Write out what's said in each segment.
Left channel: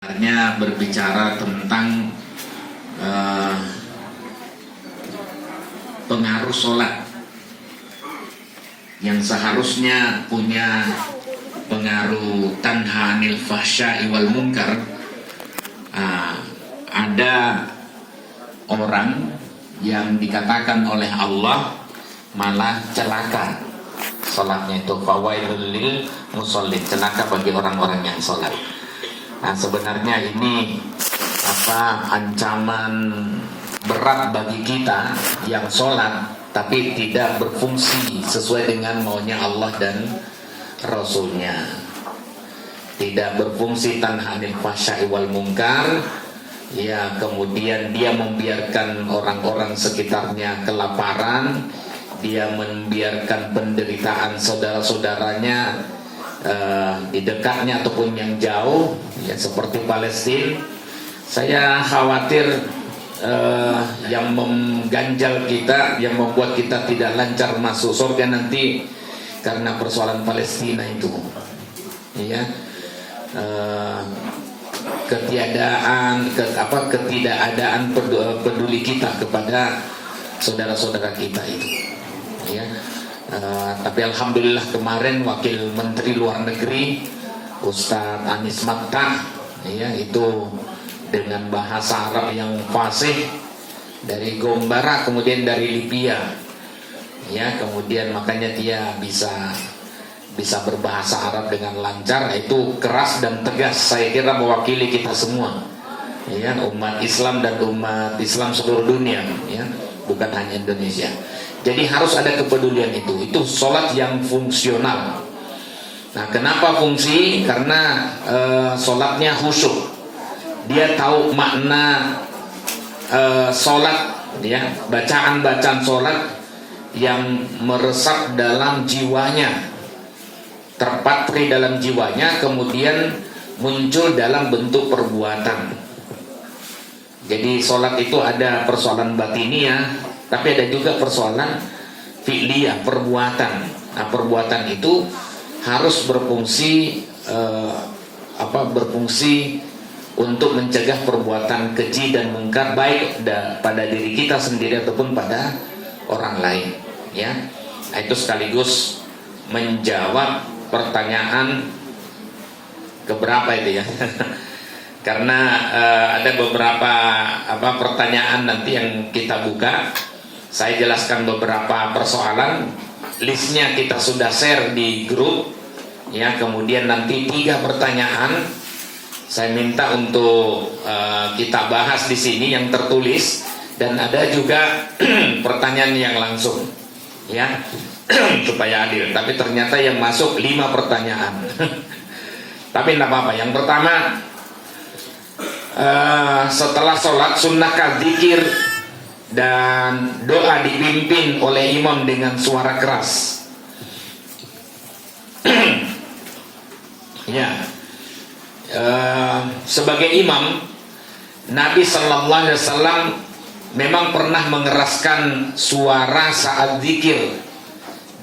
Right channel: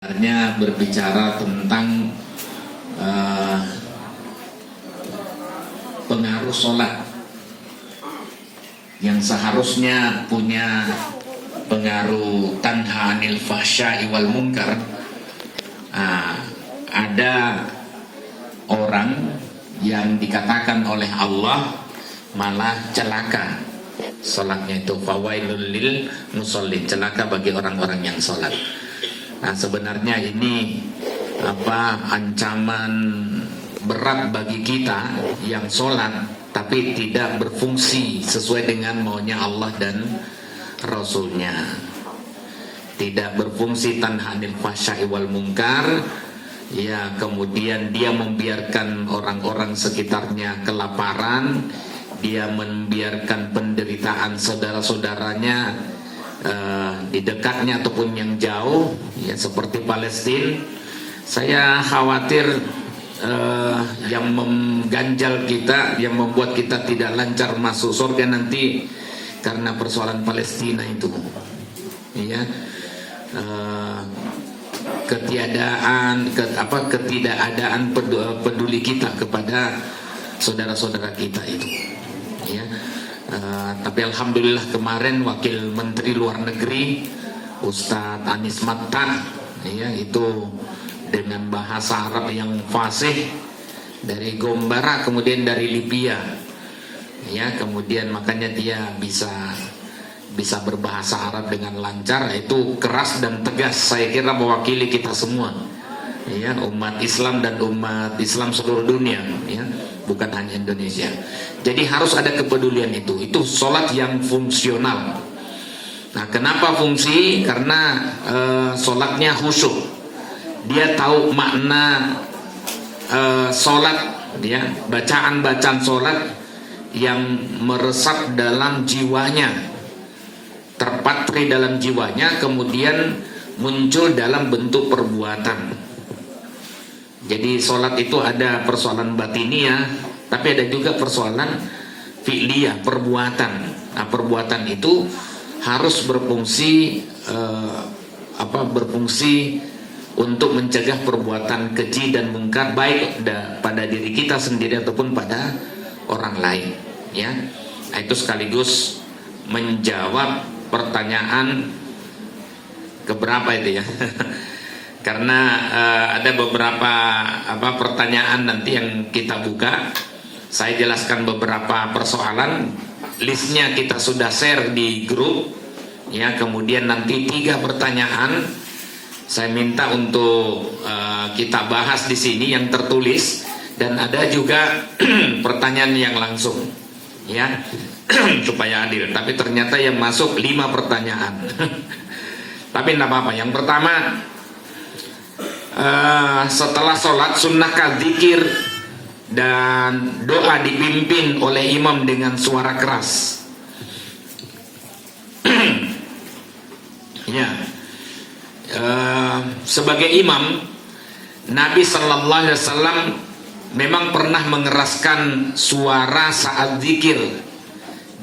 Sebenarnya berbicara tentang pengaruh sholat yang seharusnya punya pengaruh tanha anil fahsya'i wal munkar. Ada orang yang dikatakan oleh Allah malah celaka sholatnya, itu fawailul lil musallin, celaka bagi orang-orang yang sholat. Nah, sebenarnya ini ancaman berat bagi kita yang sholat tapi tidak berfungsi sesuai dengan maunya Allah dan Rasulnya, tidak berfungsi tanha anil fahsya'i wal munkar. Ya, kemudian dia membiarkan orang-orang sekitarnya kelaparan, dia membiarkan penderitaan saudara-saudaranya di dekatnya ataupun yang jauh, ya seperti Palestina. Saya khawatir yang mengganjal kita, yang membuat kita tidak lancar masuk surga nanti karena persoalan Palestina itu, ya. Ketidakadaan peduli kita kepada saudara-saudara kita itu, ya. Tapi alhamdulillah kemarin Wakil Menteri Luar Negeri Ustadz Anies Matta, ya, itu dengan bahasa Arab yang fasih dari Gombara, kemudian dari Libya, ya, kemudian makanya dia bisa berbahasa Arab dengan lancar, itu keras dan tegas. Saya kira mewakili kita semua, ya, umat Islam dan umat Islam seluruh dunia, ya, bukan hanya Indonesia. Jadi harus ada kepedulian itu sholat yang fungsional. Nah, kenapa fungsi? Karena sholatnya khusyuk, dia tahu makna sholat, ya, bacaan sholat yang meresap dalam jiwanya, terpatri dalam jiwanya, kemudian muncul dalam bentuk perbuatan. Jadi sholat itu ada persoalan batiniah, tapi ada juga persoalan fi'liyah, perbuatan. Nah, perbuatan itu harus berfungsi berfungsi untuk mencegah perbuatan keji dan mungkar, baik pada diri kita sendiri ataupun pada orang lain, ya. Nah, itu sekaligus menjawab pertanyaan keberapa itu, ya. Karena ada beberapa pertanyaan nanti yang kita buka. Saya jelaskan beberapa persoalan, listnya kita sudah share di grup, ya. Kemudian nanti 3 pertanyaan saya minta untuk kita bahas di sini yang tertulis, dan ada juga pertanyaan yang langsung, ya, supaya adil. Tapi ternyata yang masuk 5 pertanyaan. Tapi tidak apa-apa. Yang pertama, setelah sholat sunnahkah zikir dan doa dipimpin oleh imam dengan suara keras? Ya, sebagai imam, Nabi Sallallahu Alaihi Wasallam memang pernah mengeraskan suara saat zikir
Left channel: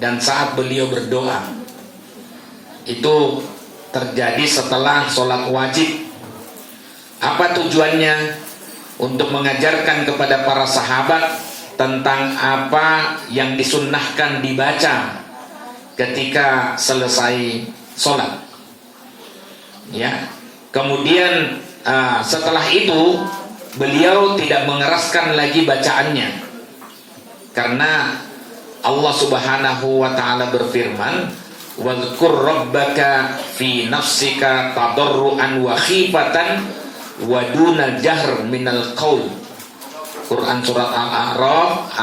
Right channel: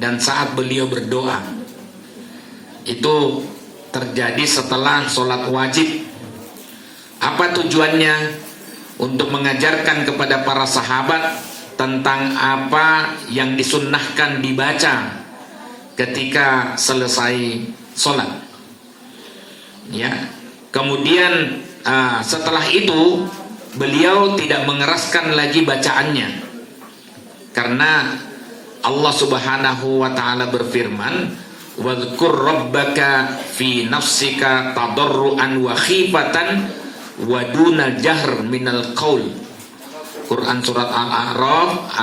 dan saat beliau berdoa. Itu terjadi setelah sholat wajib. Apa tujuannya? Untuk mengajarkan kepada para sahabat tentang apa yang disunnahkan dibaca ketika selesai sholat, ya. Kemudian setelah itu beliau tidak mengeraskan lagi bacaannya, karena Allah Subhanahu wa ta'ala berfirman, wadhkur rabbaka fi nafsika tadarruan wa khifatan wa duna jahr minal qaul. Quran surat Al-A'raf,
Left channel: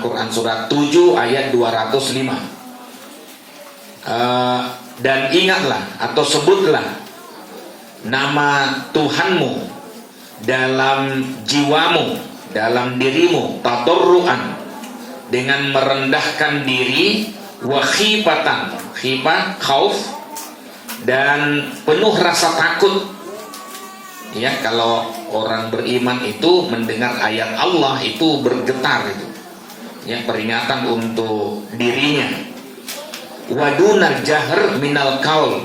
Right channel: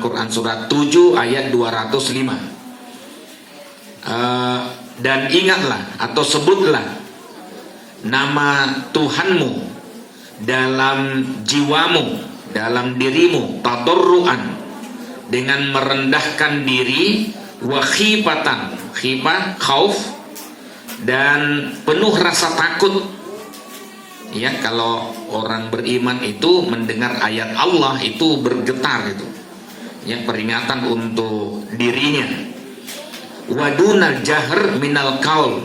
Quran surat 7 ayat 205. Dan ingatlah atau sebutlah nama Tuhanmu dalam jiwamu, dalam dirimu, tadarruan, dengan merendahkan diri, wa khifatan, khifah, khauf, dan penuh rasa takut. Ya, kalau orang beriman itu mendengar ayat Allah itu bergetar itu, ya, peringatan untuk dirinya. Waduna jahr minal qaul,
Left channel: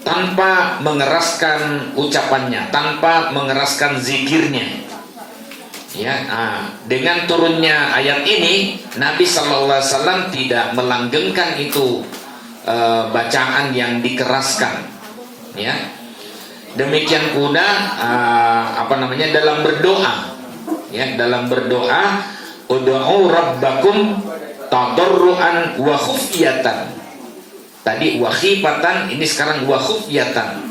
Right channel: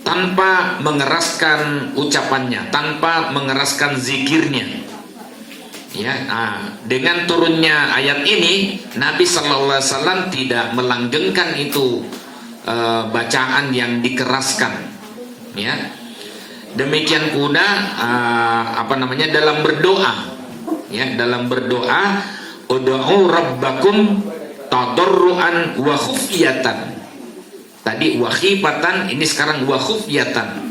tanpa mengeraskan ucapannya, tanpa mengeraskan zikirnya. Ya, dengan turunnya ayat ini, Nabi Sallallahu Alaihi Wasallam tidak melanggengkan itu bacaan yang dikeraskan. Ya, demikian pula dalam berdoa. Ya, dalam berdoa, ud'u rabbakum tadarruan wa khufyatan. Tadi wa khifatan, ini sekarang wa khufyatan.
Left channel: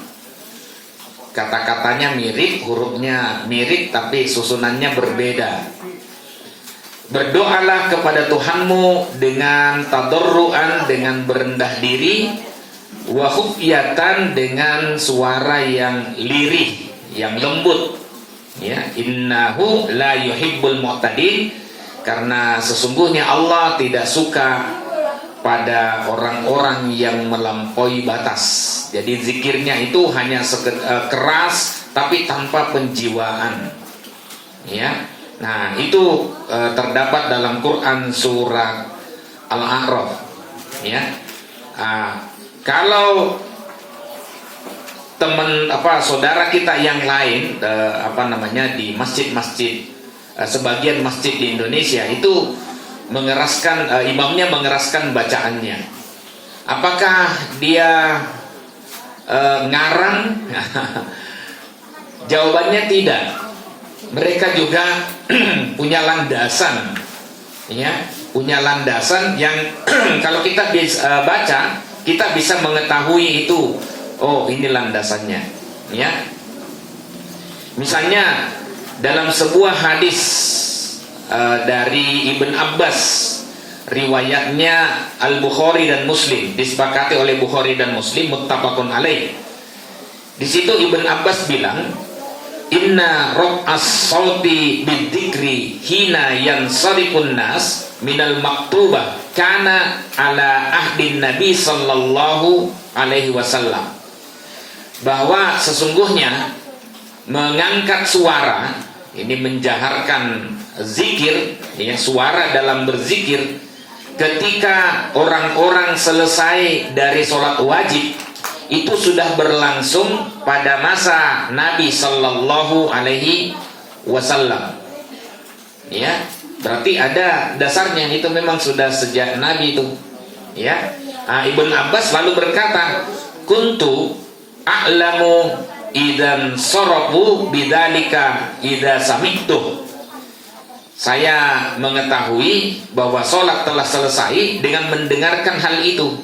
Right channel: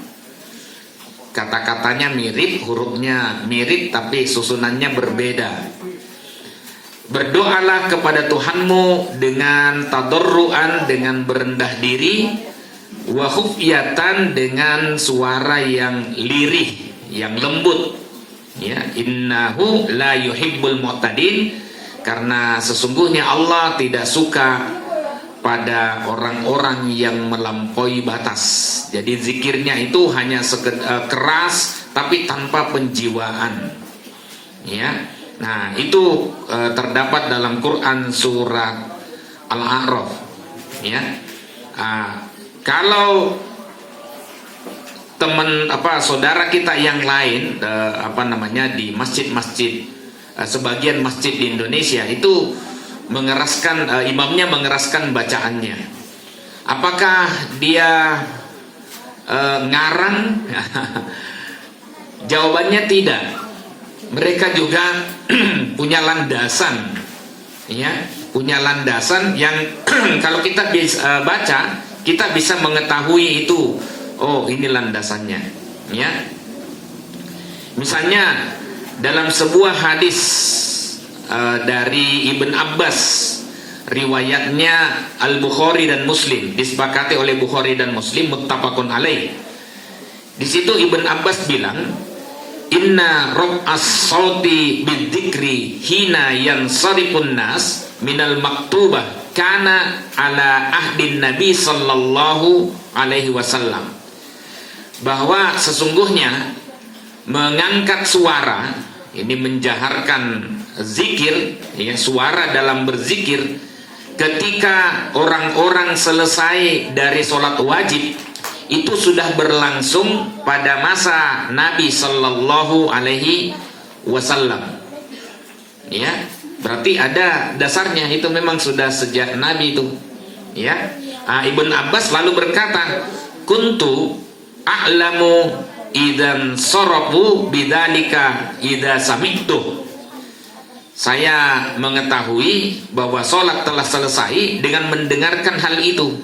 Kata-katanya mirip, hurufnya mirip, tapi susunannya berbeda. Berdoalah kepada Tuhanmu dengan tadarruan, dengan berendah diri, wa khufyatan, dengan suara yang lirih, yang lembut. Ya, innahu la yuhibbul mu'tadin, karena sesungguhnya Allah tidak suka pada orang-orang yang melampaui batas. Jadi zikirnya itu hanya keras tapi tanpa penjiwaan. Ya. Nah, itu terdapat dalam Quran surat Al-A'raf. Ya. Kalau saudara kita yang lain di masjid-masjid, sebagian masjid di Indonesia itu mengeraskan, imamnya mengeraskan bacaannya. Apakah dia ngarang? Jawabannya tidak. Mereka juga punya landasan, ya, punya landasan yang kalau kita bisa baca, kita bisa mengetahui itu. Oh, ini landasannya, ya. Misalnya dalam sebuah hadis dari Ibn Abbas, riwayatnya Al-Bukhari dan Muslim, disepakati oleh Bukhari dan Muslim, muttafaqun alaih. Di situ Ibn Abbas bilang, inna raf'as sauti bidzikri hina yansarifun nas minal maktubah kana ala ahdin Nabi sallallahu alaihi wasallam. Bahwa sesungguhnya mengangkat suara, ini menjaharkan zikir, ya, suara dalam berzikir ketika orang-orang selesai dari sholat wajib, itu sudah berlangsung pada masa Nabi Sallallahu Alaihi Wasallam. Ya, berarti ada dasarnya, itu memang sudah sejak Nabi itu. Ya, Ibn Abbas lalu berkata, kuntu a'lamu idan sorobu bidzalika idza sami'tu. Saya mengetahui bahwa sholat telah selesai dengan mendengarkan hal itu,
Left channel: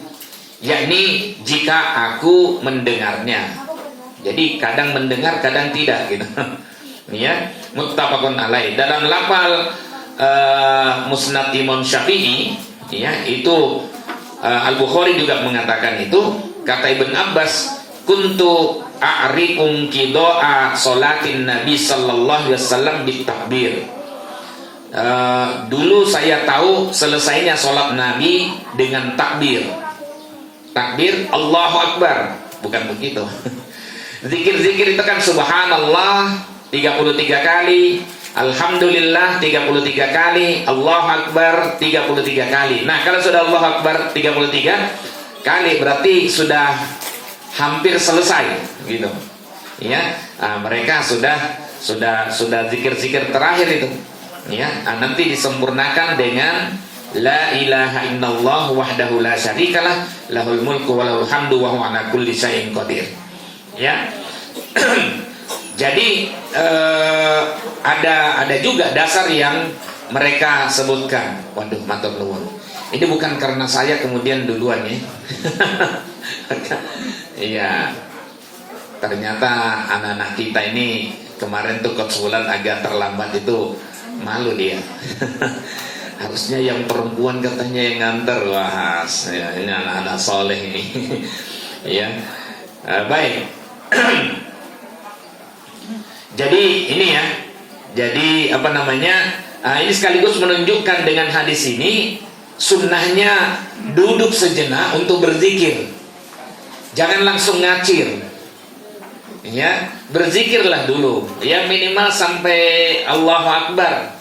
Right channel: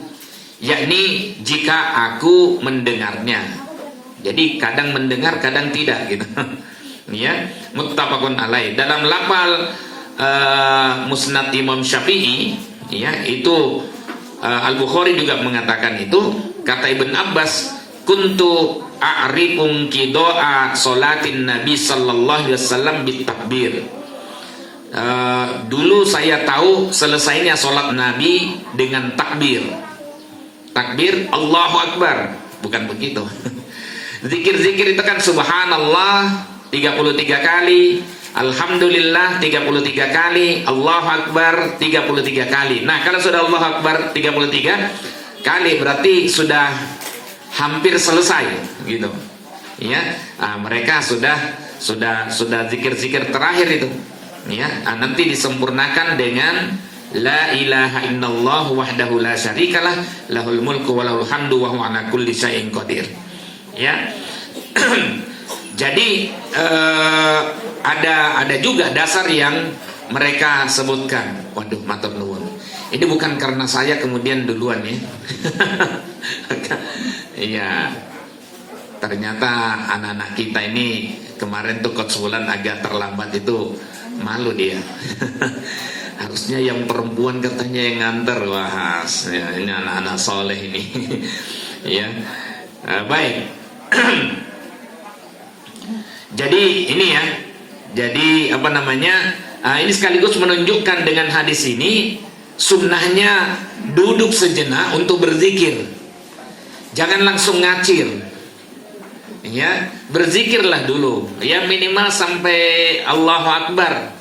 yakni jika aku mendengarnya. Jadi kadang mendengar, kadang tidak, gitu. Ya, muttafaqun alaih. Dalam lafal Musnad Imam Syafi'i, ya, itu Al-Bukhari juga mengatakan itu. Kata Ibn Abbas, kuntu a'rikum qida'a salatin Nabi sallallahu alaihi wasallam bitakbir. Dulu saya tahu selesainya sholat Nabi dengan takbir. Takbir Allahu Akbar, bukan begitu. Zikir-zikir itu kan subhanallah 33 kali, alhamdulillah 33 kali, Allahu Akbar 33 kali. Nah, kalau sudah Allahu Akbar 33 kali berarti sudah hampir selesai, gitu. Ya, mereka sudah zikir-zikir terakhir itu. Ya, nanti disempurnakan dengan la ilaha illallah wahdahu la syarikalah lahul mulku wa lahul hamdu wa huwa ala kulli syai'in qadir. Ya. Jadi ada juga dasar yang mereka sebutkan. Waduh, matur nuwun. Ini bukan karena saya kemudian duluan, ya. Iya. Ternyata anak-anak kita ini kemarin tuh Coach Wulan agak terlambat, itu malu dia. Harusnya yang perempuan katanya yang nganter. Wah, ya, ini anak-anak soleh ini. Ya, baik. Jadi ini ya. Jadi ini sekaligus menunjukkan dengan hadis ini sunnahnya duduk sejenak untuk berzikir. Jangan langsung ngacir. Ya, berzikirlah dulu. Ya, minimal sampai Allahu Akbar.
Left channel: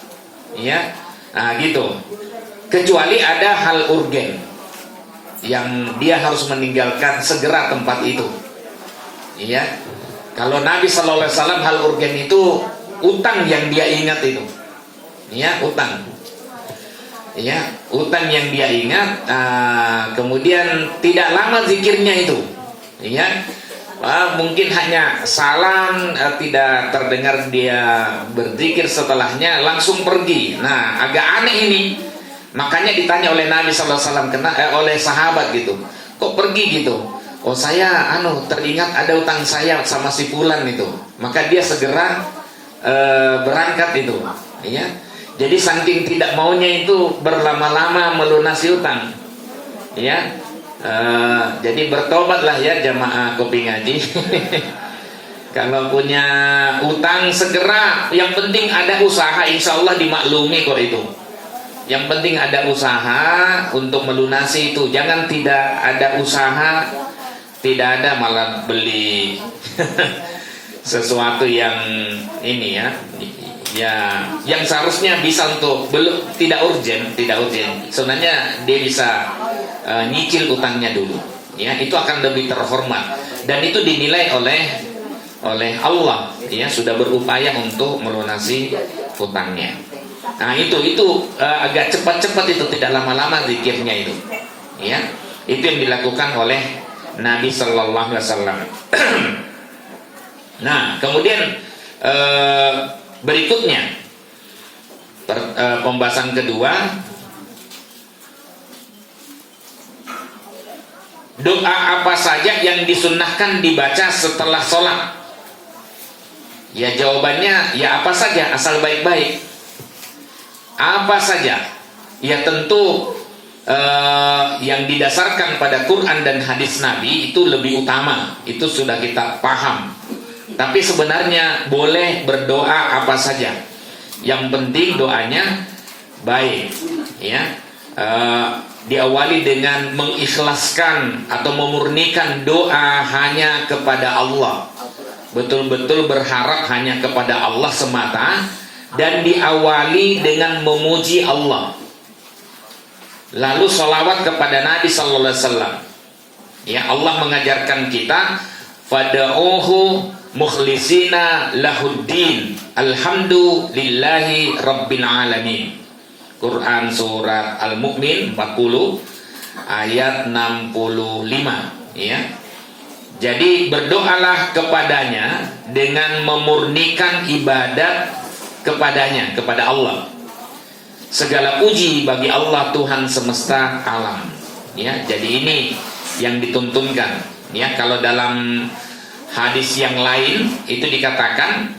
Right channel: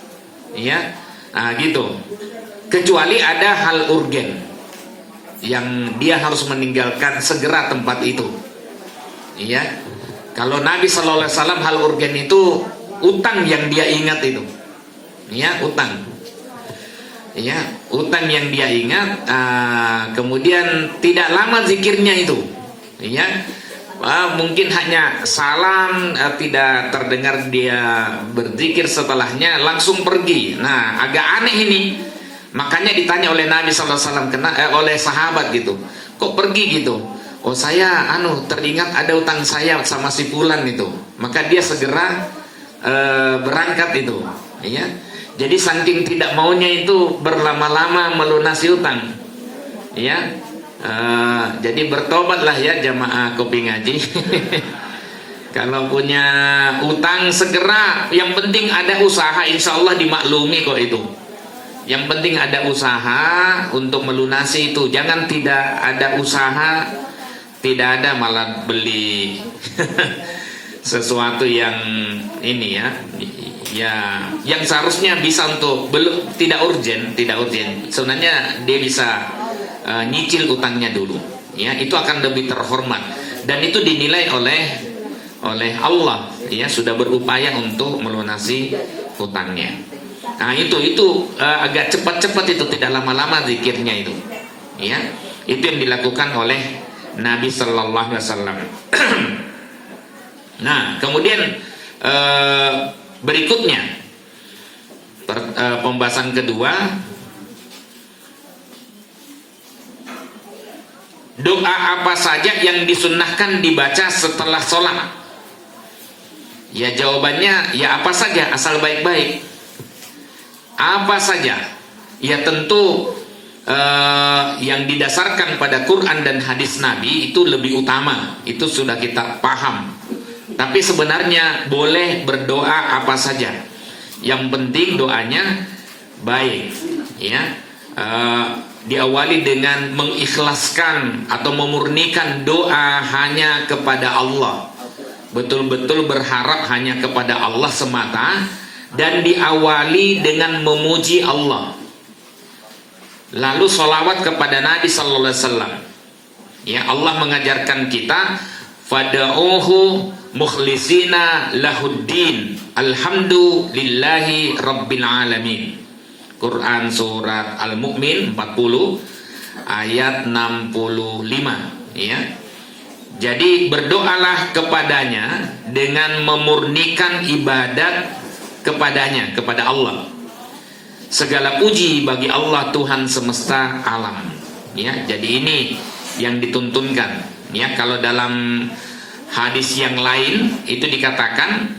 Ya. Nah, gitu. Kecuali ada hal urgen yang dia harus meninggalkan segera tempat itu. Iya. Kalau Nabi Shallallahu Alaihi Wasallam hal urgen itu utang yang dia ingat itu. Ya, utang. Ya, utang yang dia ingat. Kemudian tidak lama zikirnya itu. Ya, mungkin hanya salam, tidak terdengar dia berzikir, setelahnya langsung pergi. Nah, agak aneh ini. Makanya ditanya oleh Nabi Shallallahu Alaihi Wasallam, oleh sahabat gitu, kok pergi gitu? Oh, saya teringat ada utang saya sama si fulan itu. Maka dia segera berangkat itu. Ya. Jadi saking tidak maunya itu berlama-lama melunasi utang. Ya. Jadi bertobatlah ya jamaah kopi ngaji. Kalau punya utang segera, yang penting ada usaha, insya Allah dimaklumi kok itu. Yang penting ada usaha untuk melunasi itu. Jangan tidak ada usaha, tidak ada malah beli sesuatu yang ini ya, yang seharusnya bisa untuk belum tidak urgen. Sebenarnya dia bisa nyicil utangnya dulu. Ya, itu akan lebih terhormat dan itu dinilai oleh Allah. Ya, sudah berupaya untuk melunasi utangnya. Nah itu agak cepat-cepat itu, tidak lama-lama zikirnya itu. Ya, itu yang dilakukan oleh Nabi Sallallahu Alaihi Wasallam. Nah kemudian berikutnya pembahasan kedua, doa apa saja yang disunnahkan dibaca setelah sholat? Ya jawabannya ya apa saja asal baik-baik. Apa saja? Ya tentu yang didasarkan pada Quran dan hadis Nabi itu lebih utama. Itu sudah kita paham. Tapi sebenarnya boleh berdoa apa saja. Yang penting doanya baik. Ya, diawali dengan mengikhlaskan atau memurnikan doa hanya kepada Allah. Betul-betul berharap hanya kepada Allah semata. Dan diawali dengan memuji Allah. Lalu sholawat kepada Nabi Sallallahu Alaihi Wasallam. Ya, Allah mengajarkan kita, fada'uhu mukhlisina lahuddin, alhamdulillahi rabbil alamin. Quran surat Al-Mu'min 40 ayat 65. Ya. Jadi berdoalah kepadanya dengan memurnikan ibadat kepadanya, kepada Allah. Segala puji bagi Allah Tuhan semesta alam. Ya, jadi ini yang dituntunkan. Ya, kalau dalam hadis yang lain itu dikatakan,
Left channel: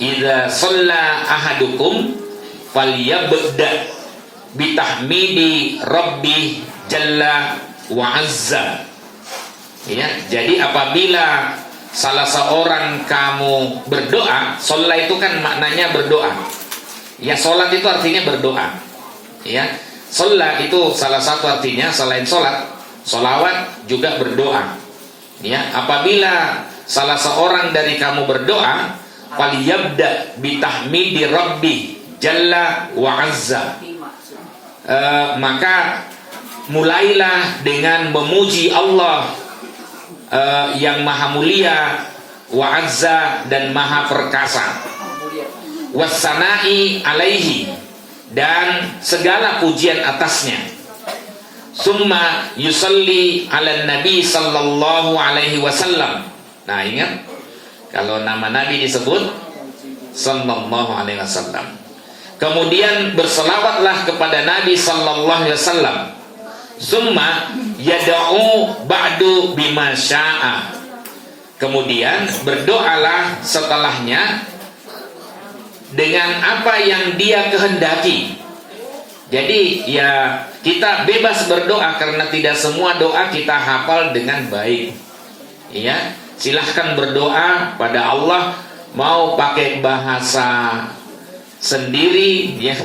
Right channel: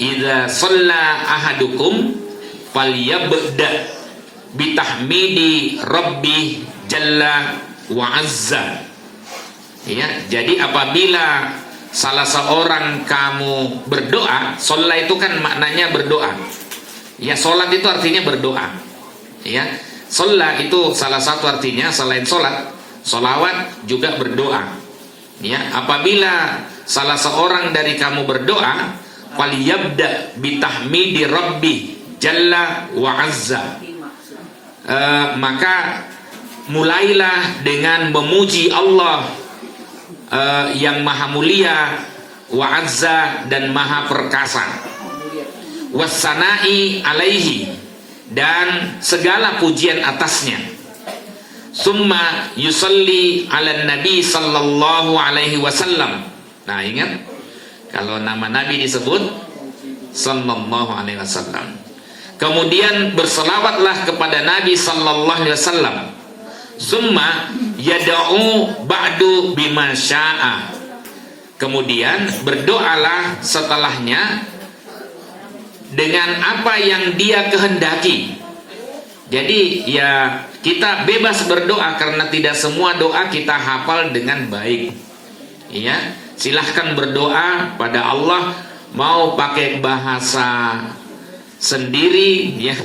idza shalla ahadukum falyabda bitahmidi rabbi jalla wa azza. Ya, jadi apabila salah seorang kamu berdoa, sholat itu kan maknanya berdoa. Ya, sholat itu artinya berdoa. Ya, sholat itu salah satu artinya selain sholat, sholawat juga berdoa. Ya, apabila salah seorang dari kamu berdoa, faliyabda bitahmidi rabbi jalla wa azza. Maka mulailah dengan memuji Allah yang maha mulia, wa azza, dan maha perkasa, wassana'i alaihi, dan segala pujian atasnya. Summa yusalli ala nabi sallallahu alaihi wasallam. Nah ingat, kalau nama Nabi disebut sallallahu alaihi wasallam. Kemudian berselawatlah kepada Nabi sallallahu alaihi wasallam. Summa yada'u ba'du bima sya'a. Kemudian berdoalah setelahnya dengan apa yang dia kehendaki. Jadi ya kita bebas berdoa karena tidak semua doa kita hafal dengan baik. Ya, silahkan berdoa pada Allah, mau pakai bahasa sendiri ya,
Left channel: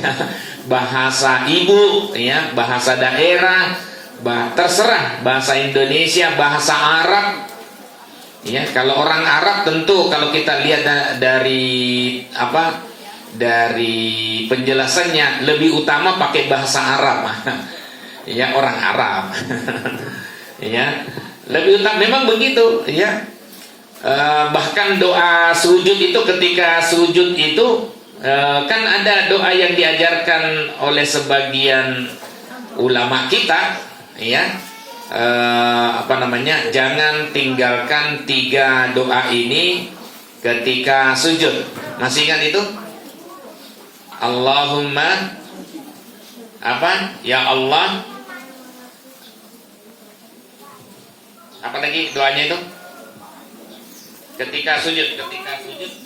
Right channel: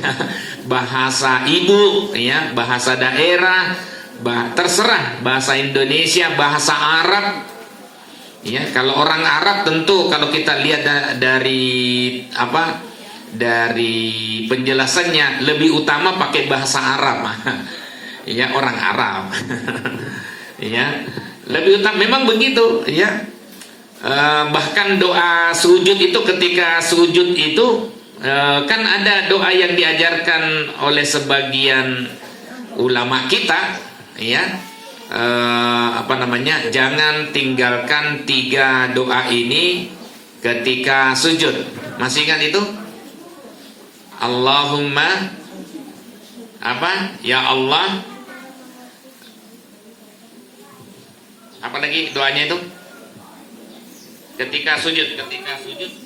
bahasa ibu ya, bahasa daerah, terserah, bahasa Indonesia, bahasa Arab. Ya, kalau orang Arab tentu kalau kita lihat dari dari penjelasannya lebih utama pakai bahasa Arab. Ya, orang Arab. Ya, lebih utama memang begitu ya. Bahkan doa sujud itu, ketika sujud itu kan ada doa yang diajarkan oleh sebagian ulama kita, ya, jangan tinggalkan 3 doa ini ketika sujud. Masih ingat itu? Allahumma ya Allah, apa lagi doanya itu? Ketika sujud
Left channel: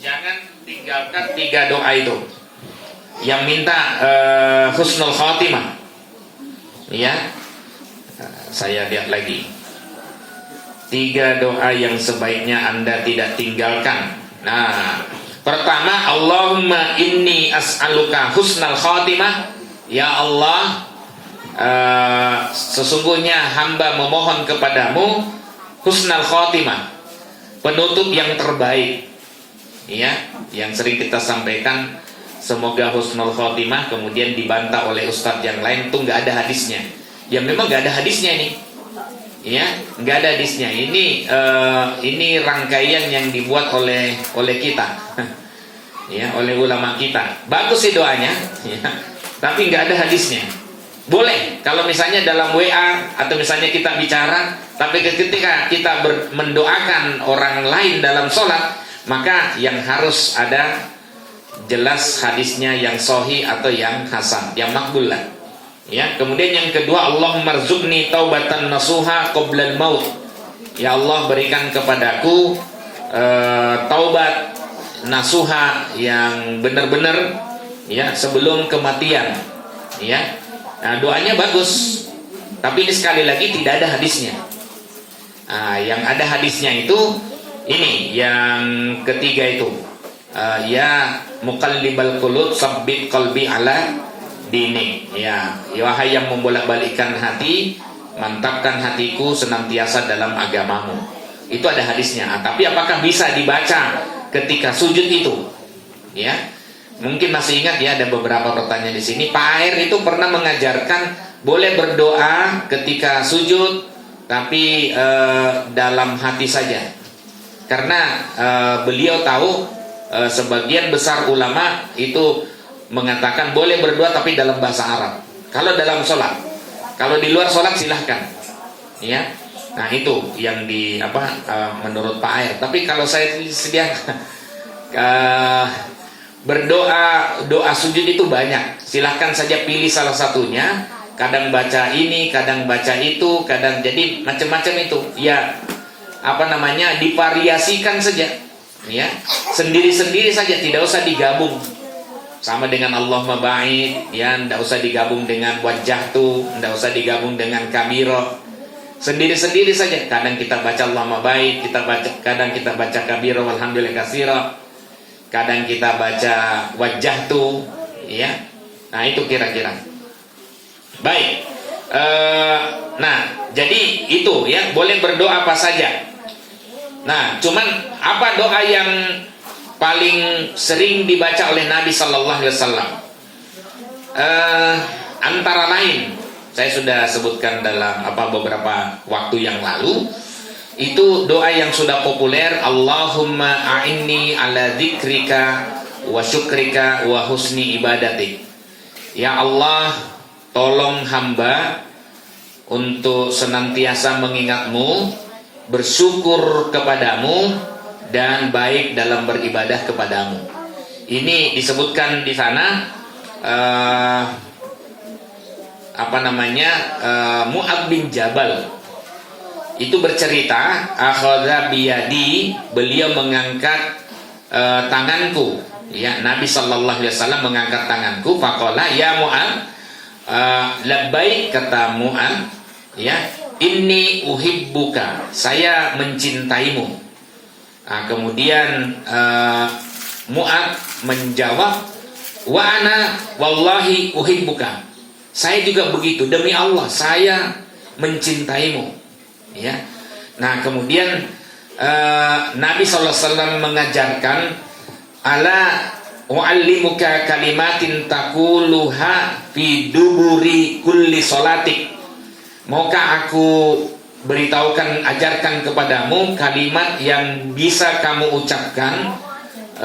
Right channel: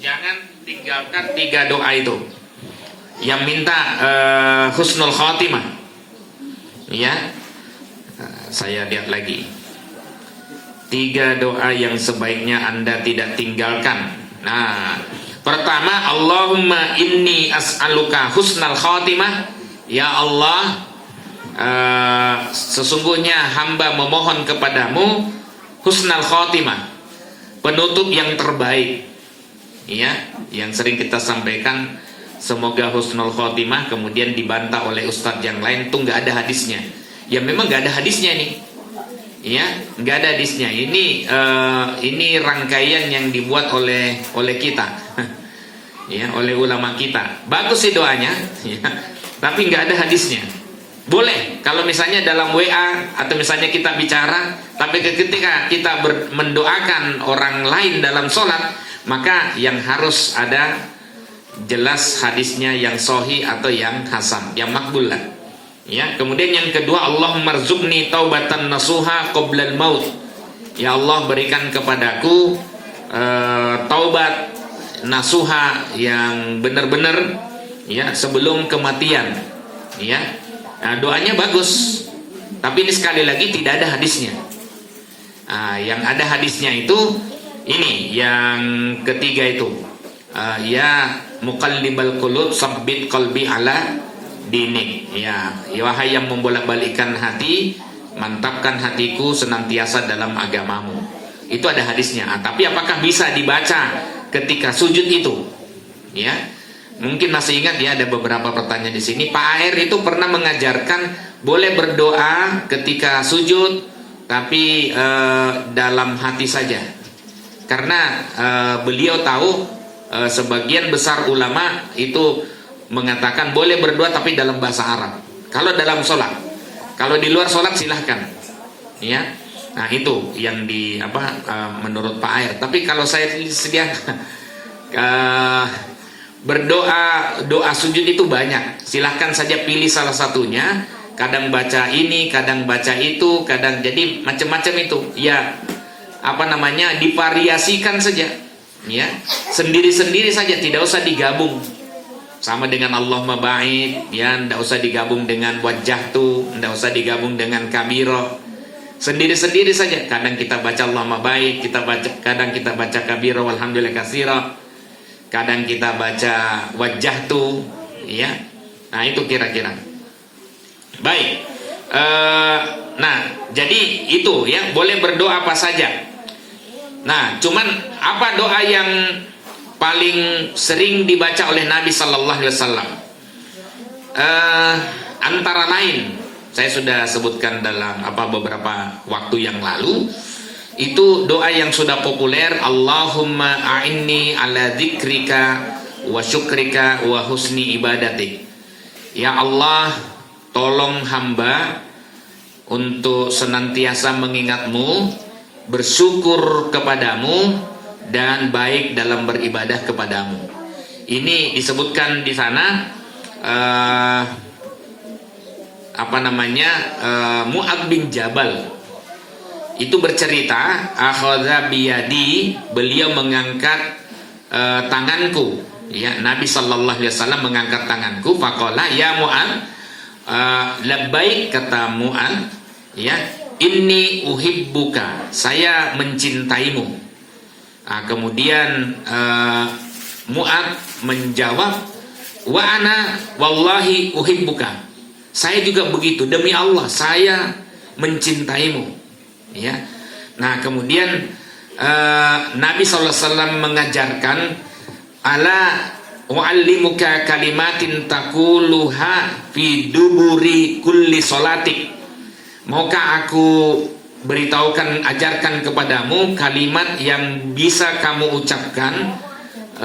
jangan tinggalkan 3 doa itu yang minta husnul khatimah. Ya, saya lihat lagi 3 doa yang sebaiknya Anda tidak tinggalkan. Nah, pertama, Allahumma inni as'aluka husnal khatimah. Ya Allah, sesungguhnya hamba memohon kepadamu husnal khatimah, penutup yang terbaik. Ya, yang sering kita sampaikan, semoga husnul khatimah, kemudian dibantah oleh ustadz yang lain, tuh nggak ada hadisnya. Ya memang nggak ada hadisnya nih. Ya, nggak ada hadisnya. Ini rangkaian yang dibuat oleh kita, ya, oleh ulama kita. Bagus sih doanya, ya, tapi nggak ada hadisnya. Boleh kalau misalnya dalam WA atau misalnya kita bicara, tapi ketika kita mendoakan orang lain dalam sholat, maka yang harus ada jelas hadisnya yang sahih atau yang hasan, yang makbul lah. Ya, kemudian yang kedua, Allahumma rzuqni taubatan nasuha qoblal maut. Ya Allah, berikan kepadaku taubat nasuha yang benar-benar, ya, sebelum kematian. Ya. Nah, doanya bagus, tapi ini sekali lagi tidak ada hadisnya. Nah, yang ada hadisnya itu ini, yang ketiga itu, ya muqallibal qulub sabbit qalbi ala dinik. Ya, wahai yang membolak-balikkan hati, mantapkan hatiku senantiasa dalam agamamu. Itu ada hadisnya. Nah, tapi apakah bisa dibaca ketika sujud itu? Ya. Mungkin masih ingat ya, ada beberapa pertanyaan di sini. Pak Air itu pernah mengajarkan boleh berdoa ketika sujud, tapi dalam hati saja. Karena beliau tahu sebagian besar ulama itu mengatakan boleh berdoa tapi dalam bahasa Arab. Kalau dalam sholat, kalau di luar sholat silahkan. Ya, nah itu yang menurut Pak Air. Tapi kalau saya sediakan berdoa, doa sujud itu banyak. Silahkan saja pilih salah satunya. Kadang baca ini, kadang baca itu, kadang, jadi macam-macam itu. Ya, divariasikan saja. Ya, sendiri-sendiri saja, tidak usah digabung. Sama dengan Allahumma ba'id, ya, tidak usah digabung dengan wajah tu, tidak usah digabung dengan kabiro. Sendiri-sendiri saja. Kadang kita baca Allahumma ba'id, kadang kita baca kabiro walhamdulillah katsira. Kadang kita baca wajah tuh, ya. Nah itu kira-kira. Baik. Nah jadi itu ya, boleh berdoa apa saja. Nah cuman apa doa yang paling sering dibaca oleh Nabi Sallallahu Alaihi Wasallam? Antara lain, saya sudah sebutkan dalam beberapa waktu yang lalu. Itu doa yang sudah populer, Allahumma a'inni ala dzikrika wa syukrika wa husni ibadatik. Ya Allah, tolong hamba untuk senantiasa mengingatmu, bersyukur kepadamu, dan baik dalam beribadah kepadamu. Ini disebutkan di sana Mu'adz bin Jabal itu bercerita, akhadha biyadi, beliau mengangkat tanganku, ya, Nabi sallallahu alaihi wasallam mengangkat tanganku, faqala ya Mu'adz, labbaik, kata Mu'adz, ya, inni uhibbuka, saya mencintaimu. Nah, kemudian Mu'adz menjawab, wa ana wallahi uhibbuka, saya juga begitu, demi Allah saya mencintaimu. Ya, nah kemudian Nabi SAW mengajarkan, ala wa'allimuka kalimatin taquluha fi duburi kulli sholatik. Maukah aku beritahukan, ajarkan kepadamu kalimat yang bisa kamu ucapkan,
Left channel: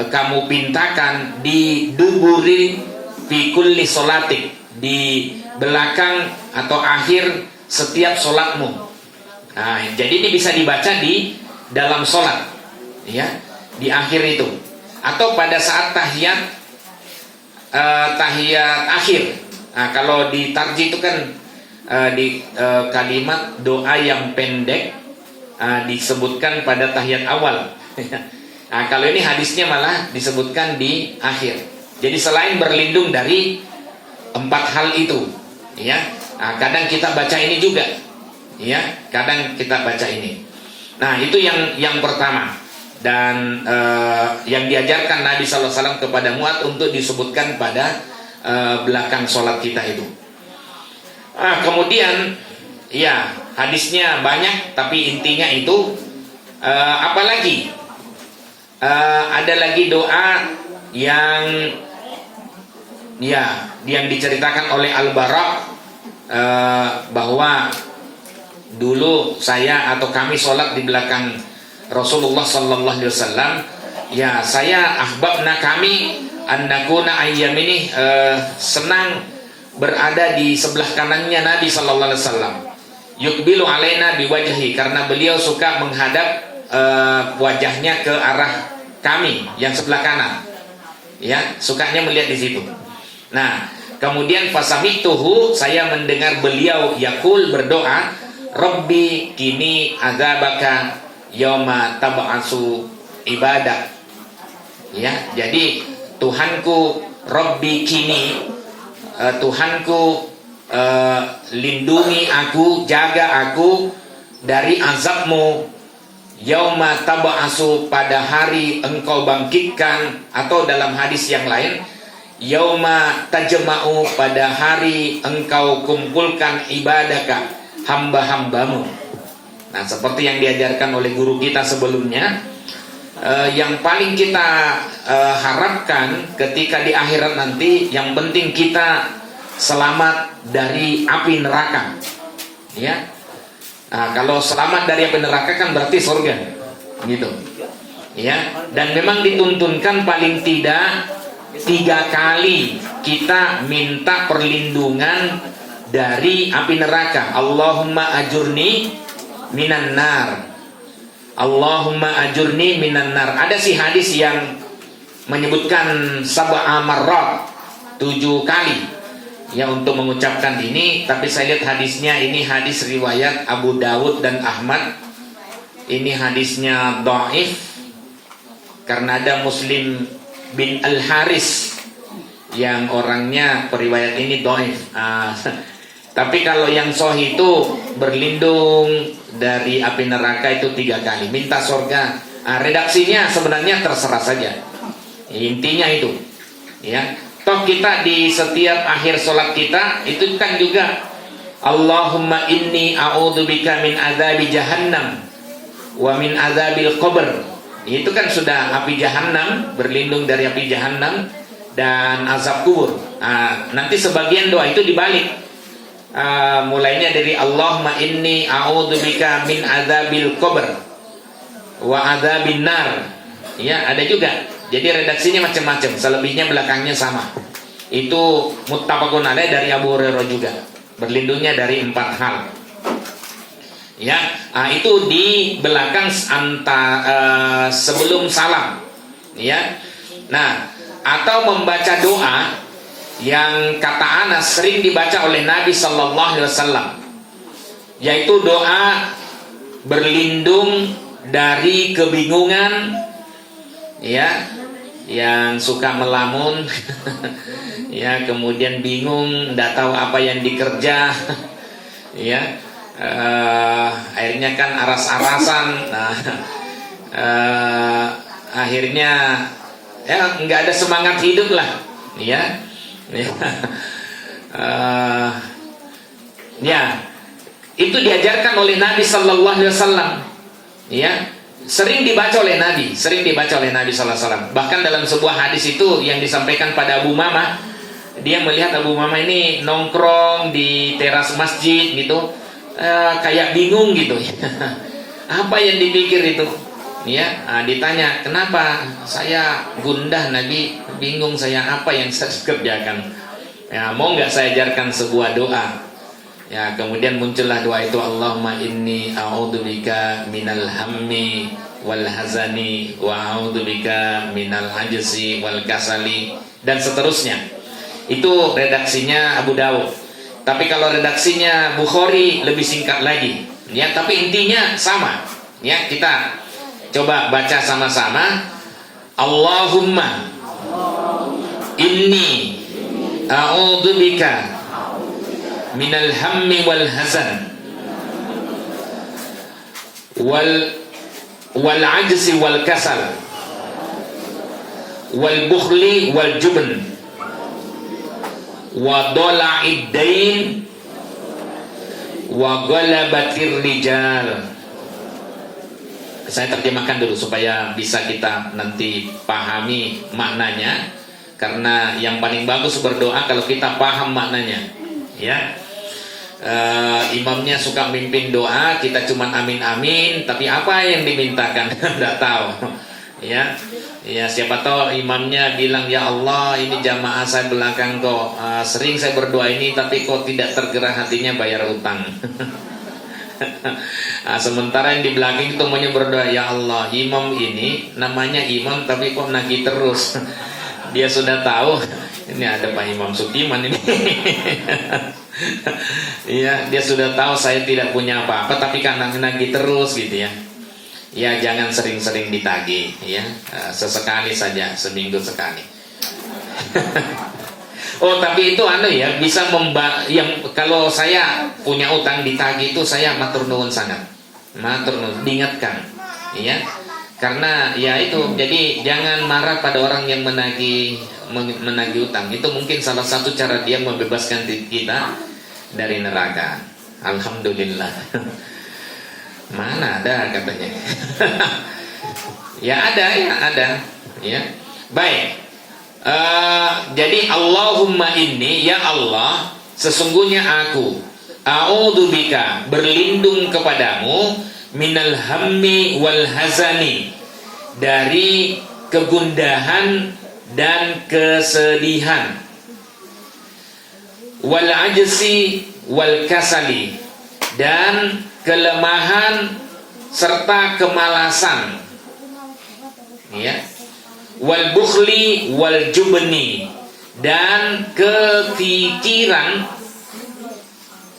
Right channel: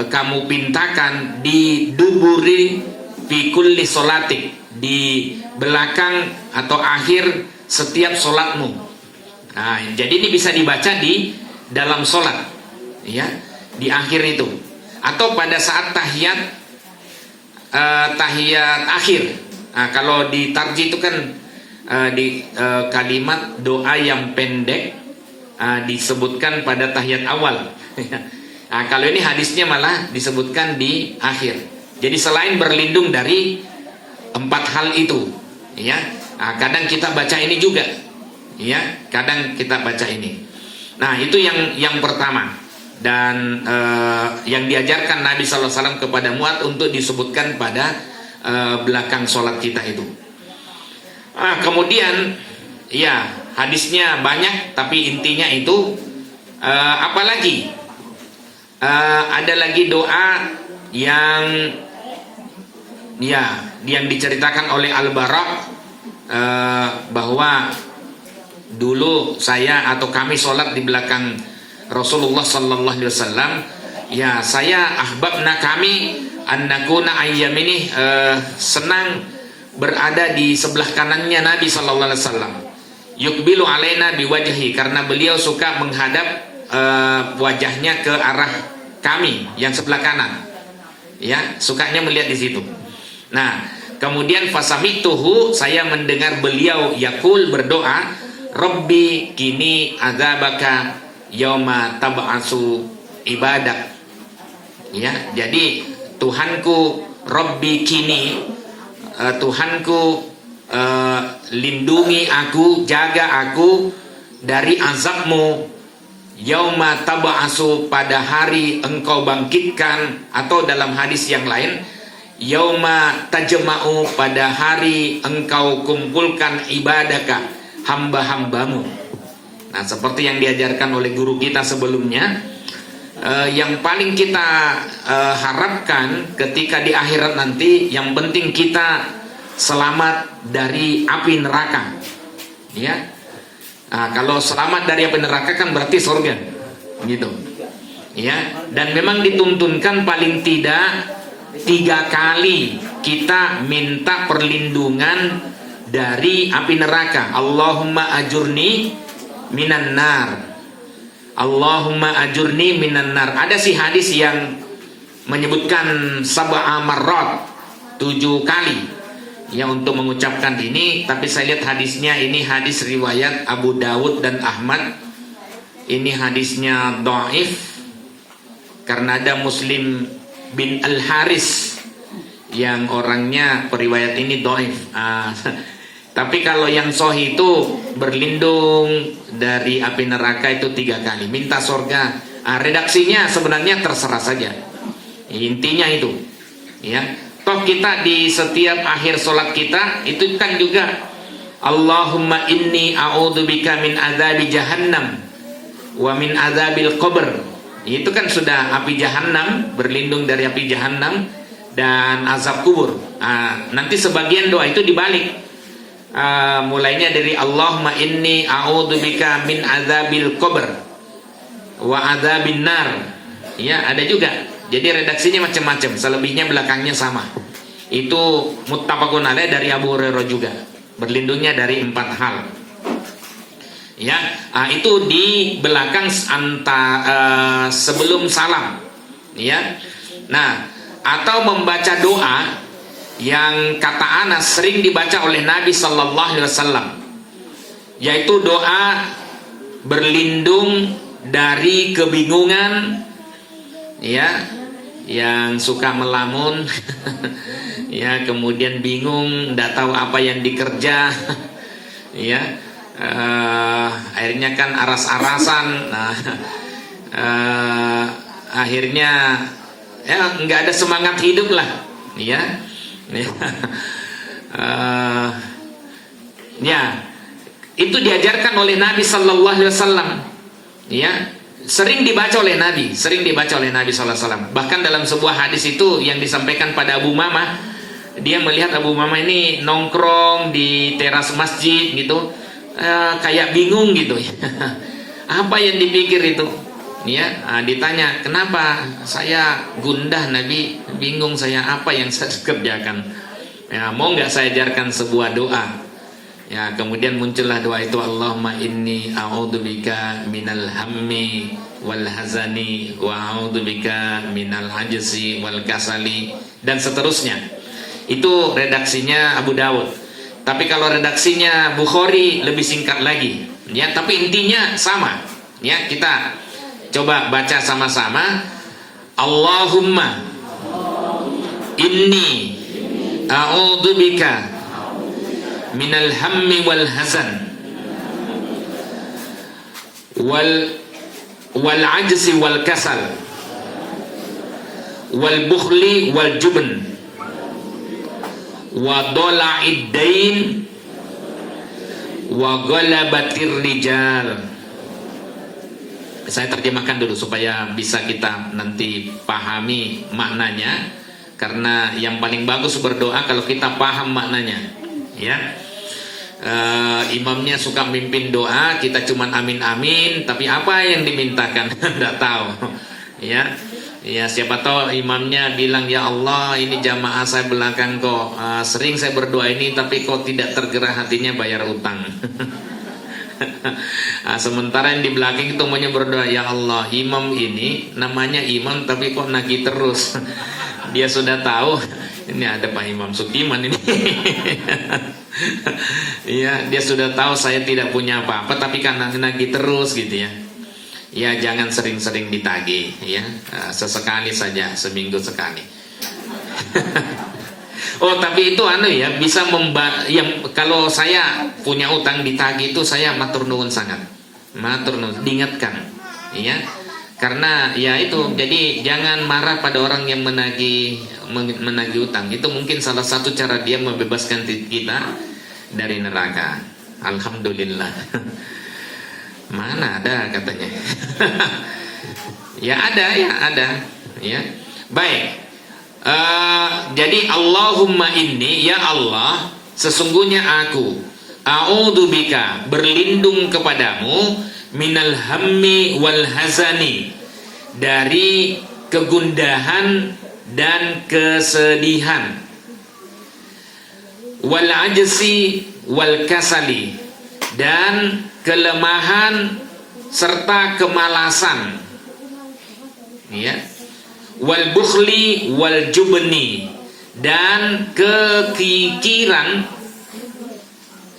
kamu pintakan di duburi fi kulli sholatik, di belakang atau akhir setiap sholatmu. Nah, jadi ini bisa dibaca di dalam sholat, ya, di akhir itu, atau pada saat tahiyat akhir. Nah, kalau di tarjih itu kan di kalimat doa yang pendek disebutkan pada tahiyat awal. Nah, kalau ini hadisnya malah disebutkan di akhir. Jadi selain berlindung dari 4 hal itu, ya, kadang kita baca ini juga, ya, kadang kita baca ini. Nah, itu yang pertama, dan yang diajarkan Nabi SAW kepada Mu'adz untuk disebutkan pada belakang sholat kita itu. Nah, kemudian, ya, hadisnya banyak, tapi intinya itu apalagi ada lagi doa yang, ya, yang diceritakan oleh Al-Bara bahwa dulu saya atau kami sholat di belakang Rasulullah Sallallahu Alaihi Wasallam. Ya, saya ahbabna kami annakuna ayyam ini senang berada di sebelah kanannya Nabi Sallallahu Alaihi Wasallam. Yukbilu alaina biwajhi, karena beliau suka menghadap wajahnya ke arah kami yang sebelah kanan. Ya, sukanya melihat di situ. Nah, kemudian fasamituhu, saya mendengar beliau yakul berdoa, Rabbi kini adzabaka yauma tab'atsu ibadah. Ya, jadi Tuhanku, Rabbi kini, Tuhanku, lindungi aku, jaga aku dari azabmu, yauma tab'atsu, pada hari engkau bangkitkan, atau dalam hadis yang lain, yauma tajma'u, pada hari engkau kumpulkan ibadaka, hamba-hambamu. Nah, seperti yang diajarkan oleh guru kita sebelumnya, yang paling kita harapkan ketika di akhirat nanti, yang penting kita selamat dari api neraka, ya. Nah, kalau selamat dari api neraka kan berarti surga, gitu, ya. Dan memang dituntunkan paling tidak 3 kali kita minta perlindungan dari api neraka. Allahumma ajurni minan nar, Allahumma ajurni minan nar. Ada sih hadis yang menyebutkan sab'a marrat, 7 kali, ya, untuk mengucapkan ini. Tapi saya lihat hadisnya, ini hadis riwayat Abu Dawud dan Ahmad. Ini hadisnya dhaif karena ada Muslim bin Al-Haris yang orangnya periwayat ini dhaif. Tapi kalau yang sahih itu berlindung dari api neraka itu 3 kali, minta surga. Redaksinya sebenarnya terserah saja, intinya itu, ya. Toh kita di setiap akhir sholat kita itu kan juga Allahumma inni a'udzubika min adzabi jahannam wa min adzabil qabr. Itu kan sudah api jahannam, berlindung dari api jahannam dan azab kubur. Nanti sebagian doa itu dibalik. Mulainya dari Allahumma inni a'udzubika min adzabil qabr wa adzabin nar. Ya, ada juga. Jadi redaksinya macam-macam, selebihnya belakangnya sama. Itu muttafaqun alaih dari Abu Hurairah juga. Berlindungnya dari 4 hal. Ya, itu di belakang sebelum salam. Ya. Nah, atau membaca doa yang kata Anas sering dibaca oleh Nabi Sallallahu Alaihi Wasallam, yaitu doa berlindung dari kebingungan, ya, yang suka melamun, ya, kemudian bingung, tidak tahu apa yang dikerja, ya, akhirnya kan aras-arasan, nah, akhirnya ya nggak ada semangat hidup lah, ya. Ya, itu diajarkan oleh Nabi Sallallahu Alaihi Wasallam, ya, sering dibaca oleh Nabi Sallallahu Alaihi Wasallam. Bahkan dalam sebuah hadis itu yang disampaikan pada Abu Umamah, dia melihat Abu Umamah ini nongkrong di teras masjid gitu, kayak bingung gitu. Apa yang dipikir itu? Ya, ditanya, kenapa saya gundah Nabi, bingung saya, apa yang saya kerjakan? Ya, mau nggak saya ajarkan sebuah doa? Ya, kemudian muncullah doa itu, Allahumma inni a'udzubika minal hammi wal hazani wa a'udzubika minal ajzi wal kasali, dan seterusnya. Itu redaksinya Abu Dawud. Tapi kalau redaksinya Bukhari lebih singkat lagi. Ya, tapi intinya sama. Ya, kita coba baca sama-sama. Allahumma inni a'udzubika minal hammi wal hazan wal ajzi wal kasal wal bukhli wal jubn wa dola'id dain wa galabatir rijal. Saya terjemahkan dulu supaya bisa kita nanti pahami maknanya, karena yang paling bagus berdoa kalau kita paham maknanya. Ya, imamnya suka mimpin doa, kita cuman amin amin, tapi apa yang dimintakan tidak tahu. Ya, siapa tahu imamnya bilang, ya Allah, ini jamaah saya belakang kok sering saya berdoa ini, tapi kok tidak tergerak hatinya bayar utang. Sementara yang di belakang itu maunya berdoa, ya Allah, imam ini namanya imam tapi kok nagih terus. Dia sudah tahu ini ada Pak Imam Sukiman ini. Iya, dia sudah tahu saya tidak punya apa-apa, tapi karena nagih terus gitu ya. Ya, jangan sering-sering ditagih ya. Sesekali saja, seminggu sekali. Oh, tapi itu ya, bisa yang kalau saya punya utang ditagih itu saya matur nuwun sangat. Matur nuwun, diingatkan ya. Karena ya itu, jadi jangan marah pada orang yang menagih utang. Itu mungkin salah satu cara dia membebaskan kita dari neraka. Alhamdulillah. Mana ada katanya. Ya ada. Ya. Baik. Jadi Allahumma inni, ya Allah, sesungguhnya aku a'udzubika, berlindung kepadamu, minal hammi wal hazani, dari kegundahan dan kesedihan, wal ajzi wal kasali, dan kelemahan serta kemalasan, ya, wal bukhli wal jubni, dan kekikiran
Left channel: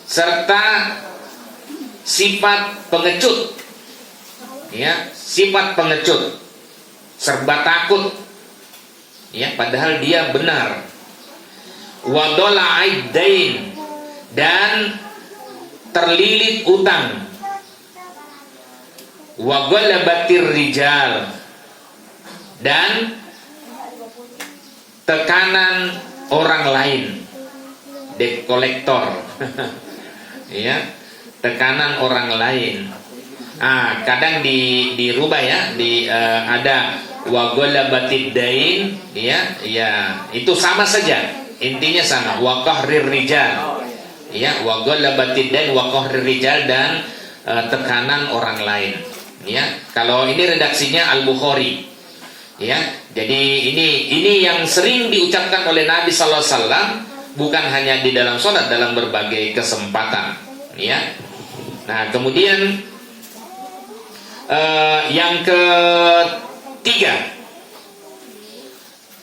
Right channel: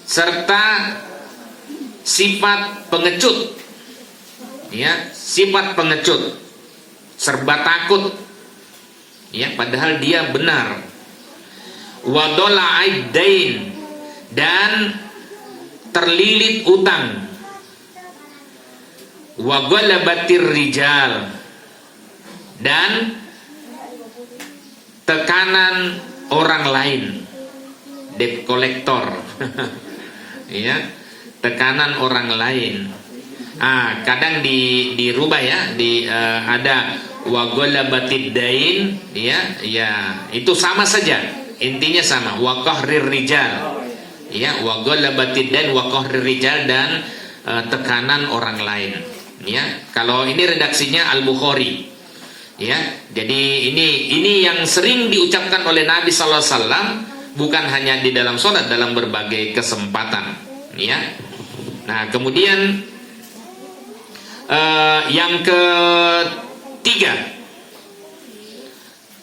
serta sifat pengecut, ya, sifat pengecut, serba takut, ya, padahal dia benar. Wadola'id dain, dan terlilit utang. Wa galabatir rijal, dan tekanan orang lain, debt collector. Ya, tekanan orang lain. Kadang dirubah ya, ada wa galabatid dain, ya, itu sama saja, intinya sama, wa qahrir rijal, ya, wa galabatid dain wa qahrir rijal, dan tekanan orang lain, ya. Kalau ini redaksinya Al-Bukhari, ya. Jadi ini yang sering diucapkan oleh Nabi sallallahu alaihi wasallam, bukan hanya di dalam sholat, dalam berbagai kesempatan, ya. Nah, kemudian yang ketiga,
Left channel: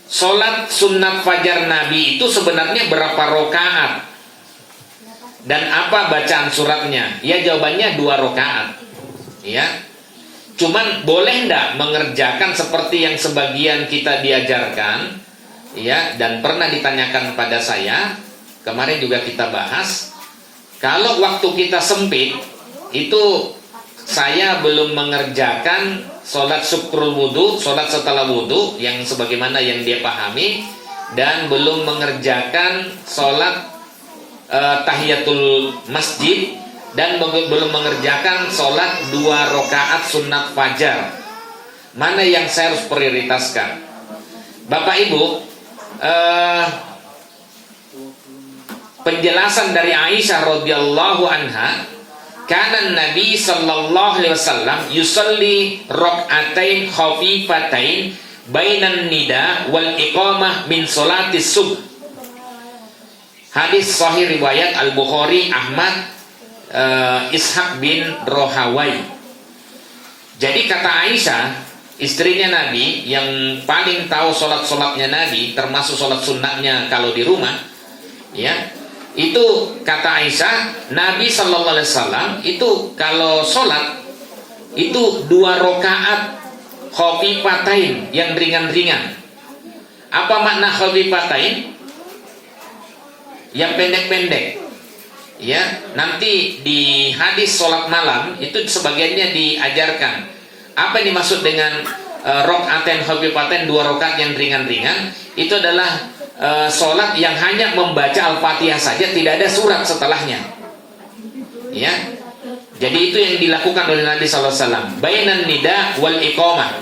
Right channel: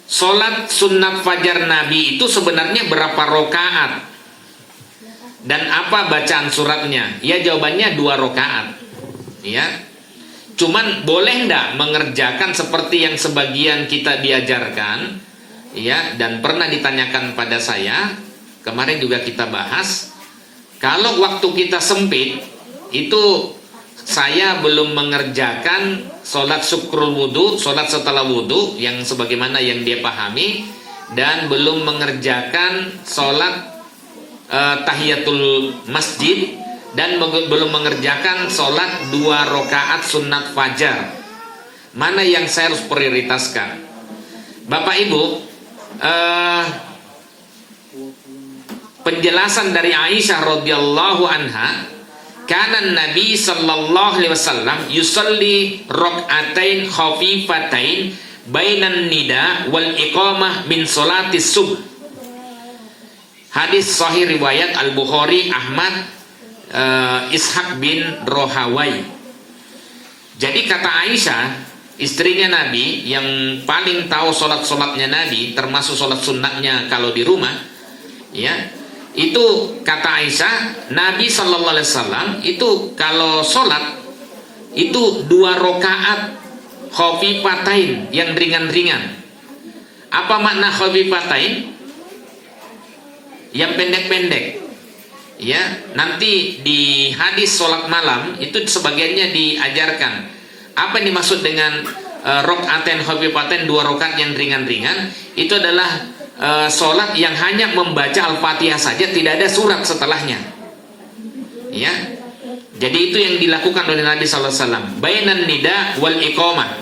sholat sunat fajar Nabi itu sebenarnya berapa rakaat dan apa bacaan suratnya? Ya, jawabannya 2 rakaat, ya. Cuman boleh enggak mengerjakan seperti yang sebagian kita diajarkan, ya, dan pernah ditanyakan pada saya, kemarin juga kita bahas. Kalau waktu kita sempit, itu saya belum mengerjakan sholat syukrul wudu, sholat setelah wudu, yang sebagaimana yang dia pahami, dan belum mengerjakan sholat tahiyatul masjid, dan belum mengerjakan sholat 2 rakaat sunat fajar. Mana yang saya harus prioritaskan? Bapak Ibu, penjelasan dari Aisyah radhiyallahu anha Kana Nabi sallallahu alaihi wasallam yusalli rak'atain khafifatain bainan nida wal iqamah min salati subuh. Hadis sahih riwayat Al-Bukhari, Ahmad, Ishaq bin Rohawai. Jadi kata Aisyah, istrinya Nabi yang paling tahu sholat-sholatnya Nabi, termasuk sholat sunnahnya kalau di rumah, ya. Itu kata Aisyah, Nabi sallallahu alaihi wasallam itu kalau sholat itu 2 rakaat khafifatain yang ringan-ringan. Apa makna khafifatain? Yang pendek-pendek. Ya, nanti di hadis sholat malam itu sebagiannya diajarkan. Apa yang dimaksud dengan rakaatain khafifatain, 2 rakaat yang ringan-ringan? Itu adalah sholat yang hanya membaca Al-Fatihah saja, tidak ada surat setelahnya. Ya, jadi itu yang dilakukan oleh Nabi sallallahu alaihi wasallam. Bainan nida wal iqamah,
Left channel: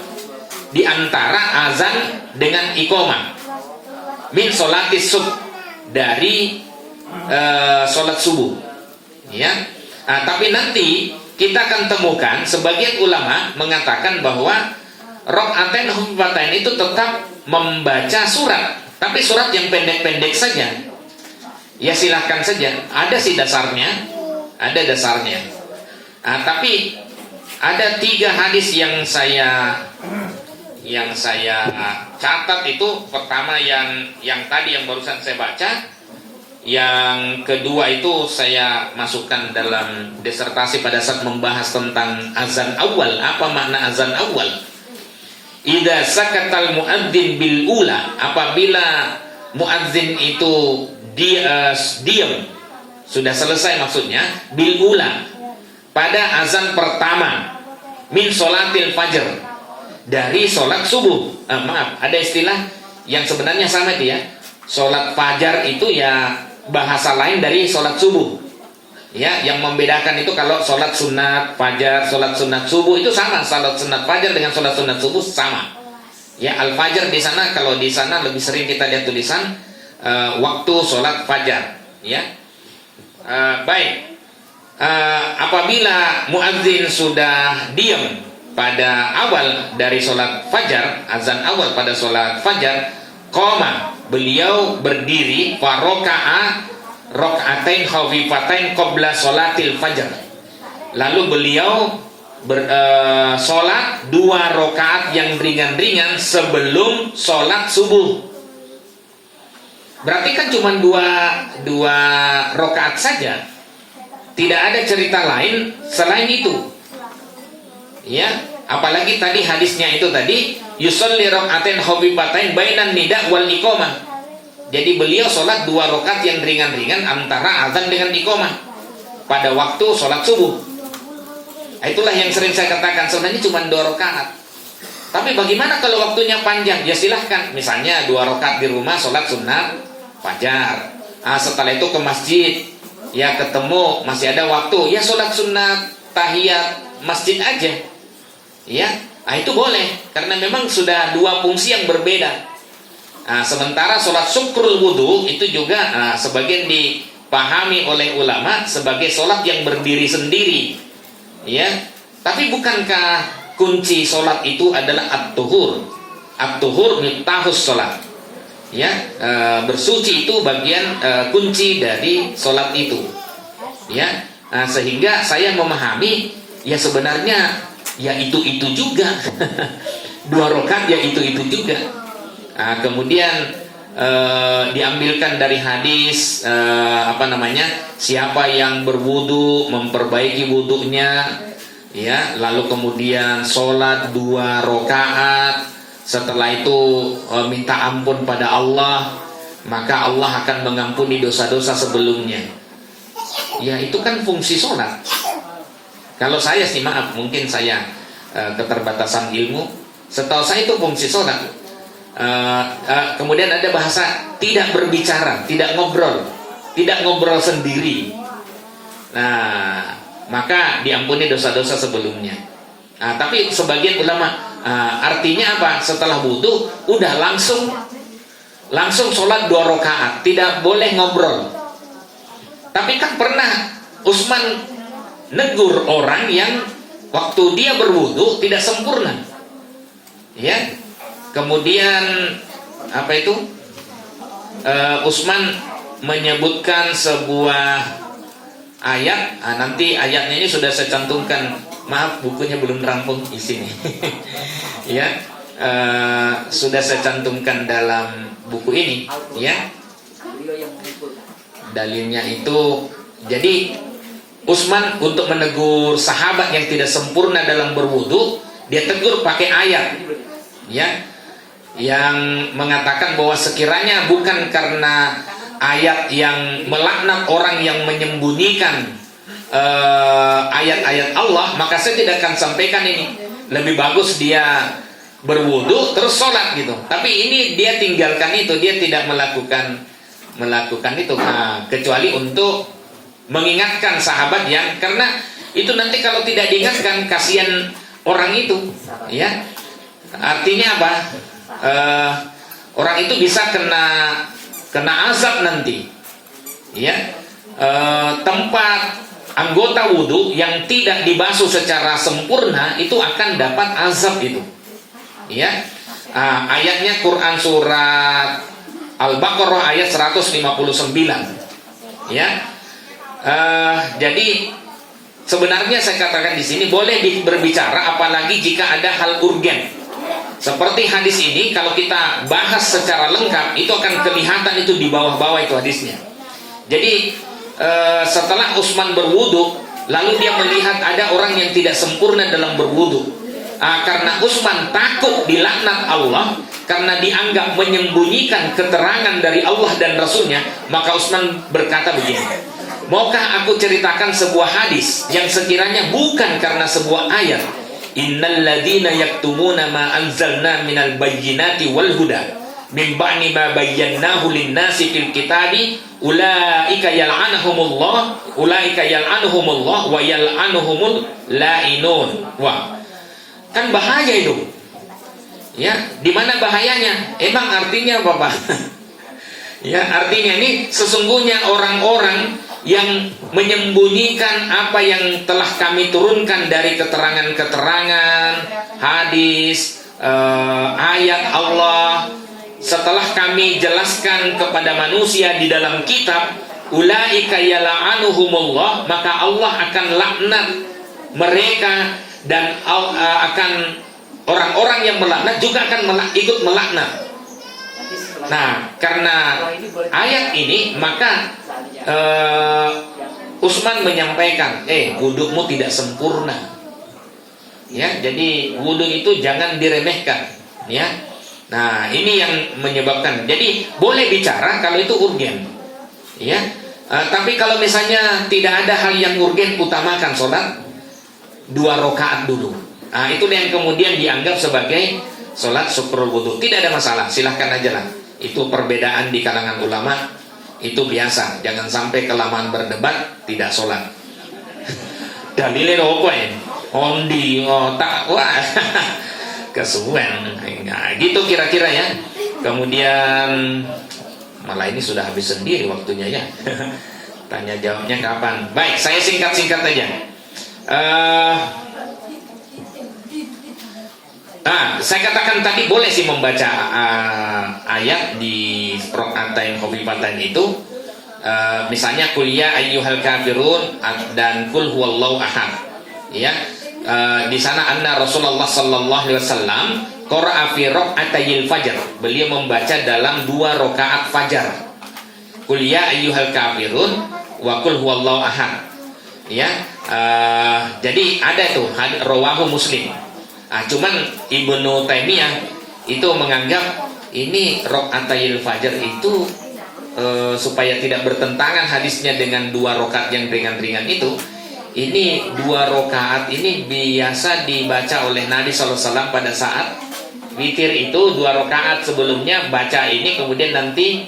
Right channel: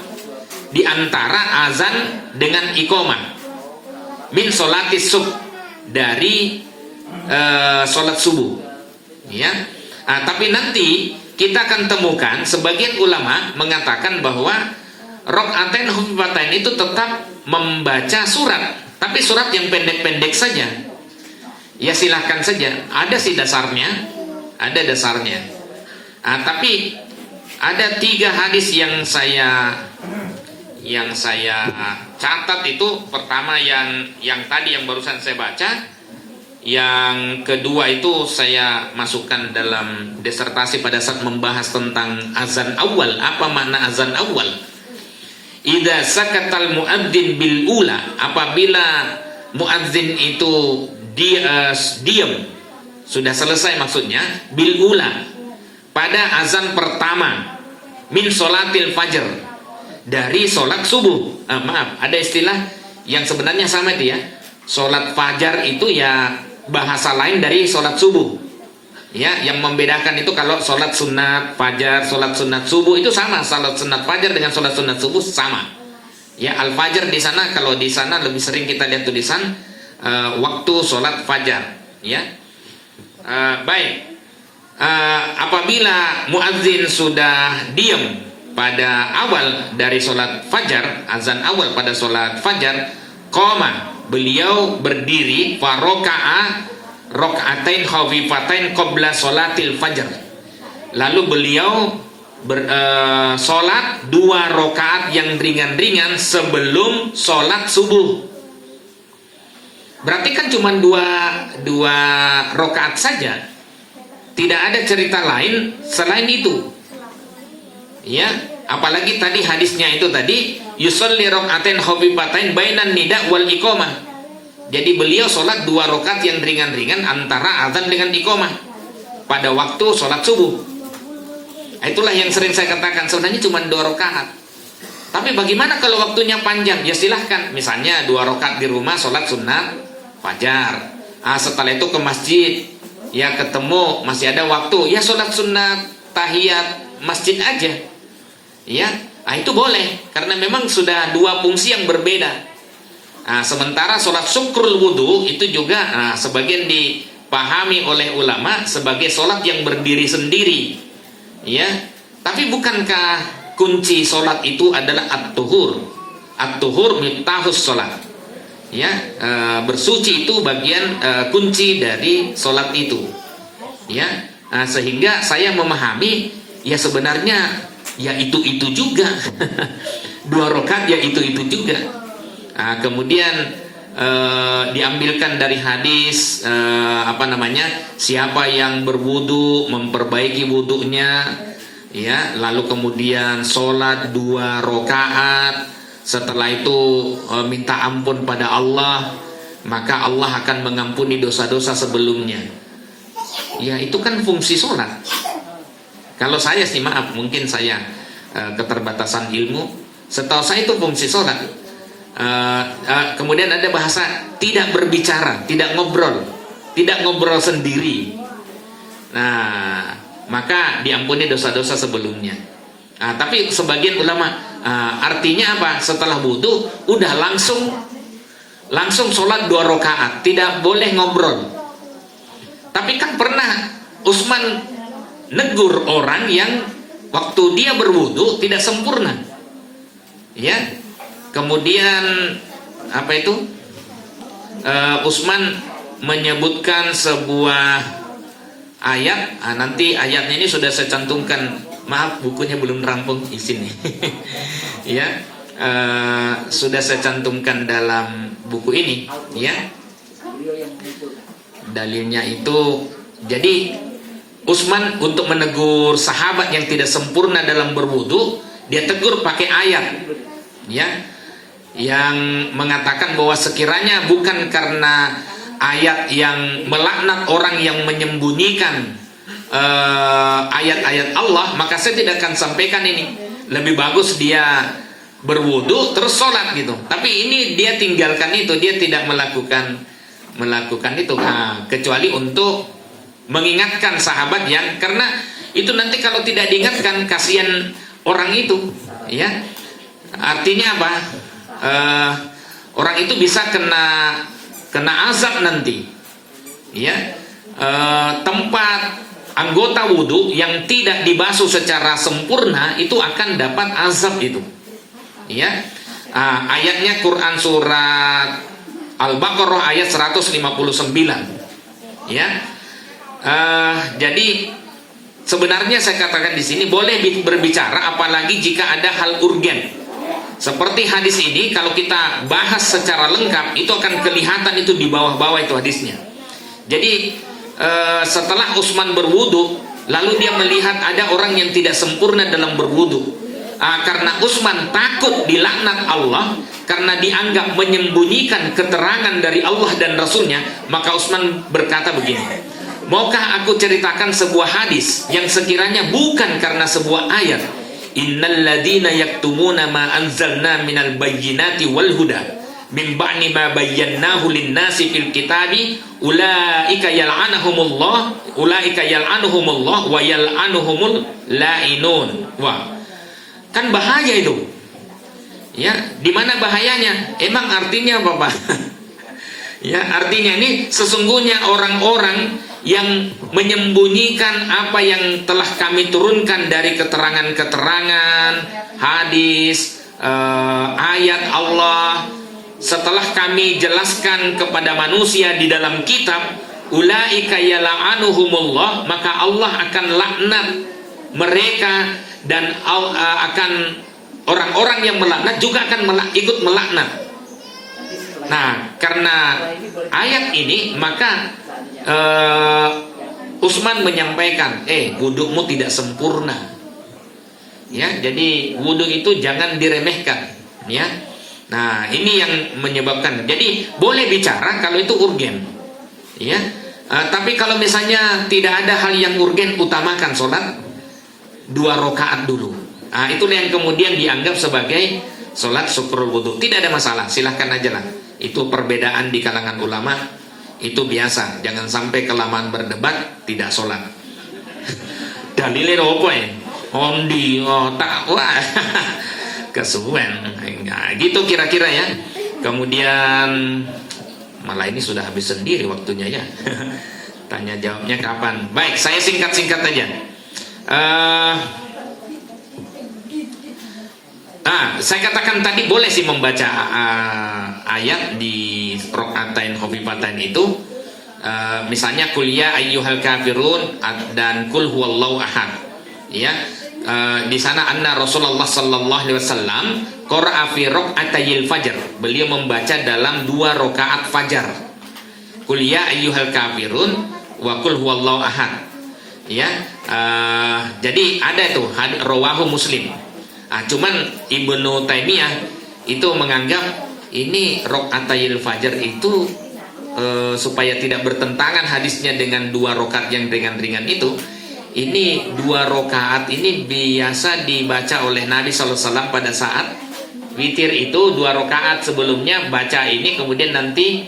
di antara azan dengan iqamah. Min sholatis subuh, dari sholat subuh. Ya. Tapi nanti kita akan temukan sebagian ulama mengatakan bahwa rakaatain khafifatain itu tetap membaca surat, tapi surat yang pendek-pendek saja. Ya silahkan saja. Ada sih dasarnya, ada dasarnya. Tapi ada 3 hadis yang saya catat itu. Pertama yang tadi yang barusan saya baca. Yang kedua itu saya masukkan dalam disertasi pada saat membahas tentang azan awal. Apa makna azan awal? Idza sakatal muadzin bil ula, apabila muadzin itu diam, sudah selesai maksudnya, bil ula, pada azan pertama, min sholatil fajr, dari sholat subuh. Maaf, ada istilah yang sebenarnya sama itu ya. Sholat fajar itu ya bahasa lain dari sholat subuh. Ya, yang membedakan itu kalau sholat sunat fajar, sholat sunat subuh itu sama. Sholat sunat fajar dengan sholat sunat subuh sama. Ya, al-fajar di sana, kalau di sana lebih sering kita lihat tulisan waktu sholat fajar. Ya, baik. Apabila muadzin sudah diam pada awal dari sholat fajar, azan awal pada sholat fajar, qoma, beliau berdiri, faroka'a rakaatain khafifatain qabla sholatil fajar. Lalu beliau sholat 2 rakaat yang ringan-ringan sebelum sholat subuh. Berarti kan cuma 2 rakaat saja. Tidak ada cerita lain selain itu. Ya, apalagi tadi hadisnya itu tadi yusolli rakaatain khafifatain bainan nida wal iqamah. Jadi beliau sholat 2 rakaat yang ringan-ringan antara azan dengan iqamah pada waktu sholat subuh. Itulah yang sering saya katakan, sebenarnya cuma 2 rakaat. Tapi bagaimana kalau waktunya panjang? Ya silahkan. Misalnya 2 rakaat di rumah sholat sunat fajar. Setelah itu ke masjid, ya ketemu masih ada waktu, ya sholat sunat tahiyat masjid aja. Ya, itu boleh karena memang sudah 2 fungsi yang berbeda. Sementara sholat syukrul wudhu itu juga sebagian dipahami oleh ulama sebagai sholat yang berdiri sendiri. Ya, tapi bukankah kunci sholat itu adalah at-tuhur? At-tuhur miftahus sholat. Ya, bersuci itu bagian kunci dari sholat itu. Ya, sehingga saya memahami ya sebenarnya ya itu juga 2 rakaat ya itu juga. Kemudian diambilkan dari hadis siapa yang berwudu memperbaiki wudunya, ya, lalu kemudian sholat 2 rakaat, setelah itu minta ampun pada Allah, maka Allah akan mengampuni dosa-dosa sebelumnya. Ya, itu kan fungsi sholat. Kalau saya sih maaf, mungkin saya keterbatasan ilmu, setahu saya itu fungsi sholat. Kemudian ada bahasa tidak berbicara, tidak ngobrol sendiri. Nah, maka diampuni dosa-dosa sebelumnya. Tapi sebagian ulama artinya apa? Setelah wudu udah langsung sholat 2 rakaat, tidak boleh ngobrol. Tapi kan pernah Utsman negur orang yang waktu dia berwudu tidak sempurna. Ya. Kemudian apa itu? Utsman menyebutkan sebuah ayat. Nanti ayatnya ini sudah saya cantumkan. Maaf, bukunya belum rampung di sini. Ya. Sudah saya cantumkan dalam buku ini, ya. Dalilnya itu, jadi Utsman untuk menegur sahabat yang tidak sempurna dalam berwudu, dia tegur pakai ayat, ya, yang mengatakan bahwa sekiranya bukan karena ayat yang melaknat orang yang menyembunyikan ayat-ayat Allah, maka saya tidak akan sampaikan ini. Lebih bagus dia berwudu terus sholat gitu. Tapi ini dia tinggalkan itu, dia tidak melakukan itu, kecuali untuk mengingatkan sahabat yang, karena itu nanti kalau tidak diingatkan kasihan orang itu, ya. Artinya apa? Orang itu bisa kena azab nanti, ya. Tempat anggota wudu yang tidak dibasuh secara sempurna itu akan dapat azab itu. Ya, ayatnya Quran surat Al-Baqarah ayat 159. Ya, jadi sebenarnya saya katakan di sini boleh berbicara, apalagi jika ada hal urgen. Seperti hadis ini, kalau kita bahas secara lengkap, itu akan kelihatan itu di bawah-bawah itu hadisnya. Jadi setelah Utsman berwudu, lalu dia melihat ada orang yang tidak sempurna dalam berwudu. Karena Utsman takut dilaknat Allah karena dianggap menyembunyikan keterangan dari Allah dan Rasulnya, maka Utsman berkata begini, maukah aku ceritakan sebuah hadis yang sekiranya bukan karena sebuah ayat, innal ladina yaktumuna ma anzalna minal bayyinati wal huda min ba'ni ma bayyanahu lin-nasi fil kitabi ulaika yal'anuhumullah wa yal'anuhumul la'inun. Wah, kan bahaya itu. Ya, di mana bahayanya? Emang artinya apa, Pak? Ya, artinya ini sesungguhnya orang-orang yang menyembunyikan apa yang telah kami turunkan dari keterangan-keterangan, hadis, ayat Allah, setelah kami jelaskan kepada manusia di dalam kitab, ulaika yal'anuhumullah, maka Allah akan laknat mereka, dan akan orang-orang yang melaknat juga akan ikut melaknat. Nah, karena ayat ini, maka Utsman menyampaikan, wudukmu tidak sempurna. Ya, jadi wudhu itu jangan diremehkan, ya. Nah, ini yang menyebabkan. Jadi boleh bicara kalau itu urgen, ya. Tapi kalau misalnya tidak ada hal yang urgen, utamakan sholat 2 rakaat dulu. Nah, itulah yang kemudian dianggap sebagai sholat syukur wudu. Tidak ada masalah, silahkan aja lah. Itu perbedaan di kalangan ulama, itu biasa. Jangan sampai kelamaan berdebat tidak sholat. Dalilnya apa ya? Ondi, tak wah. Kesuwen. Nah, gitu kira-kira ya. Kemudian malah ini sudah habis sendiri waktunya ya. Tanya jawabnya kapan? Baik, saya singkat-singkat aja. Saya katakan tadi boleh sih membaca ayat di rokaatain khofifatain itu, misalnya kul ya ayyuhal kafirun dan kul huwallahu ahad. Ya, di sana anna Rasulullah sallallahu alaihi wasallam qara'a fi rakaatayil fajar. Beliau membaca dalam 2 rakaat fajar. Kul ya ayyuhal kafirun wa kul huwallahu ahad. Ya, jadi ada itu rawahu Muslim. Cuman Ibnu Taimiyah itu menganggap ini rakaatayil fajar itu supaya tidak bertentangan hadisnya dengan 2 rakaat yang ringan-ringan itu. Ini 2 rakaat ini biasa dibaca oleh Nabi SAW pada saat witir itu 2 rakaat sebelumnya baca ini, kemudian nanti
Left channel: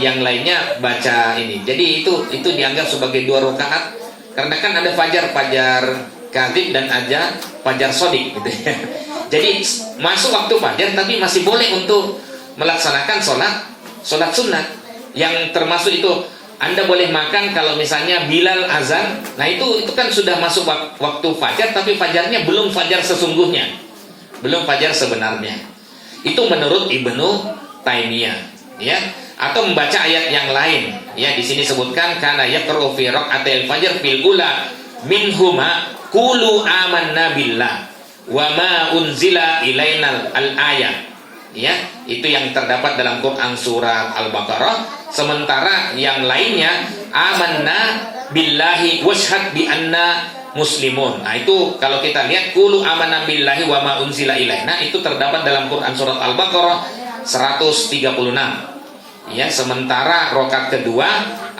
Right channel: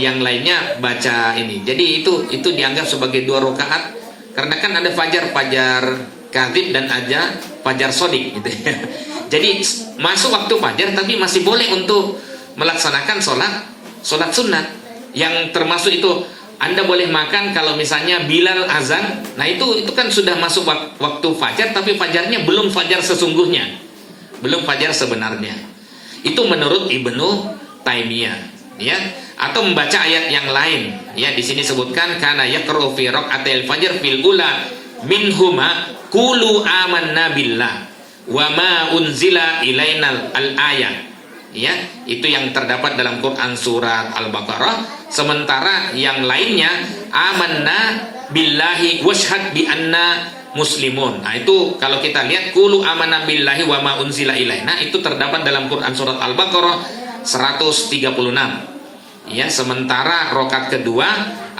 yang lainnya baca ini. Jadi itu dianggap sebagai 2 rakaat karena kan ada fajar kadzib dan ada fajar sodik gitu ya. Jadi masuk waktu fajar tapi masih boleh untuk melaksanakan sholat sunat yang termasuk itu Anda boleh makan kalau misalnya Bilal azan. Nah itu kan sudah masuk waktu fajar, tapi fajarnya belum fajar sesungguhnya, belum fajar sebenarnya. Itu menurut Ibnu Taimiyah, ya. Atau membaca ayat yang lain, ya. Di sini sebutkan kana yaqra'u fi raq'atil fajr fil ula minhuma qulu amanna billah wa ma unzila ilaina al-ayat. Ya, itu yang terdapat dalam Quran surat Al-Baqarah. Sementara yang lainnya amanna billahi washhad bi anna muslimun. Nah, itu kalau kita lihat qulu amanna billahi wa ma unzila ilaina, itu terdapat dalam Quran surat Al-Baqarah 136. Ya, sementara rakaat kedua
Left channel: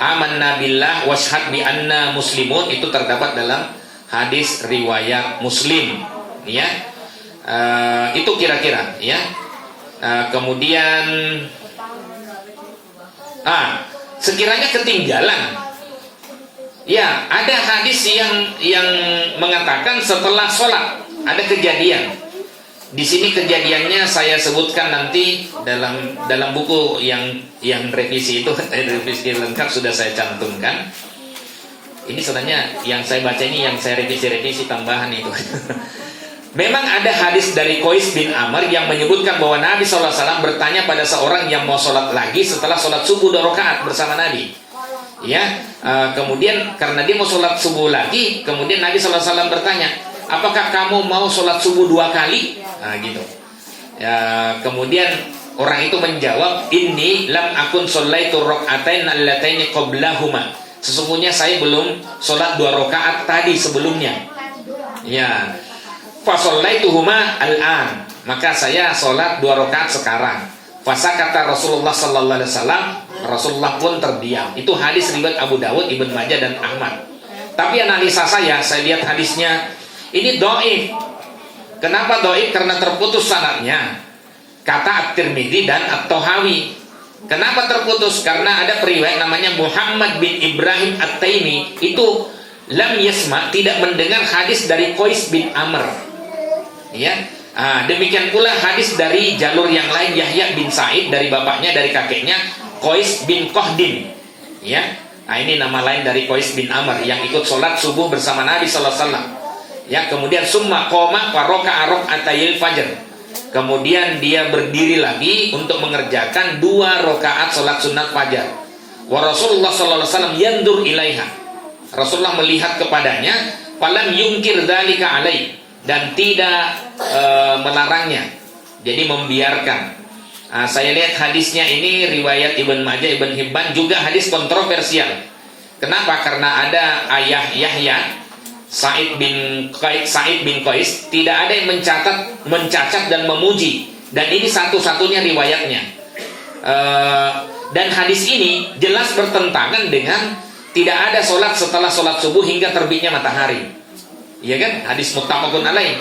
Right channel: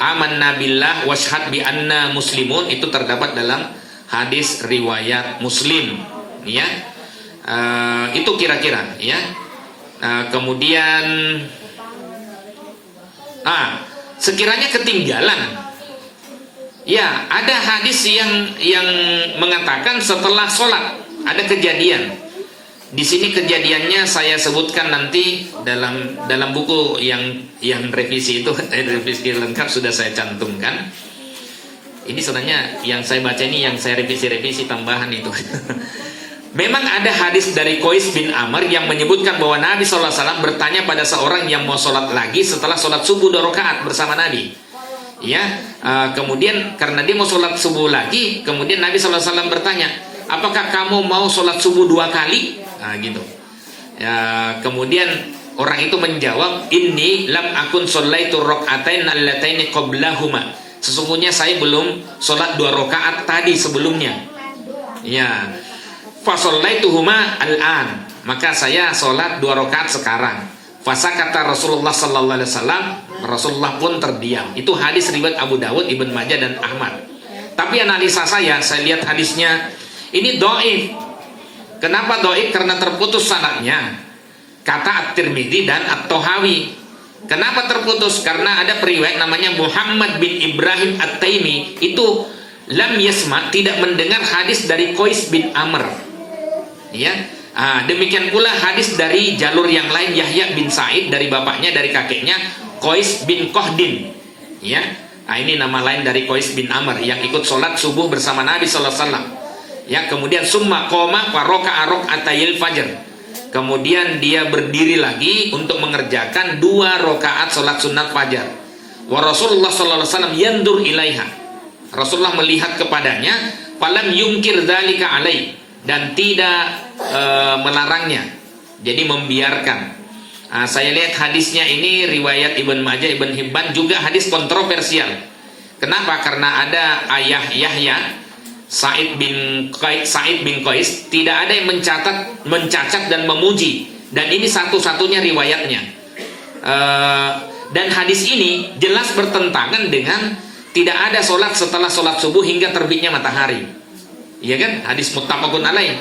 amanna billah washhad bi anna muslimun itu terdapat dalam hadis riwayat Muslim, ya. Itu kira-kira, ya. Kemudian sekiranya ketinggalan, ya, ada hadis yang mengatakan setelah sholat ada kejadian. Di sini kejadiannya saya sebutkan nanti dalam buku yang revisi itu, revisi lengkap sudah saya cantumkan. Ini sebenarnya yang saya baca ini yang saya revisi tambahan itu. Memang ada hadis dari Qais bin Amr yang menyebutkan bahwa Nabi SAW bertanya pada seorang yang mau sholat lagi setelah sholat subuh 2 rakaat bersama Nabi. Ya, kemudian karena dia mau sholat subuh lagi, kemudian Nabi SAW bertanya, apakah kamu mau sholat subuh 2 kali? Nah, gitu. Ya, kemudian orang itu menjawab, inni lam akun sholaitu rak'atain allataini qablahuma. Sesungguhnya saya belum sholat 2 rakaat tadi sebelumnya. Ya. Fa shallaituhuma al-an. Maka saya sholat 2 rakaat sekarang. Fasakata Rasulullah sallallahu alaihi wasallam, Rasulullah pun terdiam. Itu hadis riwayat Abu Dawud, Ibnu Majah dan Ahmad. Tapi analisa saya lihat hadisnya ini dhaif. Kenapa dhaif? Karena terputus sanadnya. Kata At-Tirmidzi dan At-Tahawi. Kenapa terputus? Karena ada periwayat namanya Muhammad bin Ibrahim At-Taimi, itu lam yasma, tidak mendengar hadis dari Qais bin Amr. Ya. Demikian pula hadis dari jalur yang lain, Yahya bin Sa'id dari bapaknya, dari kakeknya Qais bin Qahdin. Ya. Ini nama lain dari Qais bin Amr yang ikut sholat subuh bersama Nabi sallallahu alaihi wasallam. Ya, kemudian summa qoma wa raka'a rak'atayil fajr. Kemudian dia berdiri lagi untuk mengerjakan 2 rakaat salat sunat fajar. Wa Rasulullah sallallahu alaihi wasallam yandur ilaiha. Rasulullah melihat kepadanya, falam yungkir dzalika alai, dan tidak melarangnya. Jadi membiarkan. Saya lihat hadisnya ini riwayat Ibnu Majah, Ibnu Hibban, juga hadis kontroversial. Kenapa? Karena ada ayah Yahya Sa'id bin Qais, tidak ada yang mencacat dan memuji, dan ini satu-satunya riwayatnya. Dan hadis ini jelas bertentangan dengan tidak ada sholat setelah sholat subuh hingga terbitnya matahari. Iya kan? Hadis muttafaqun alaih.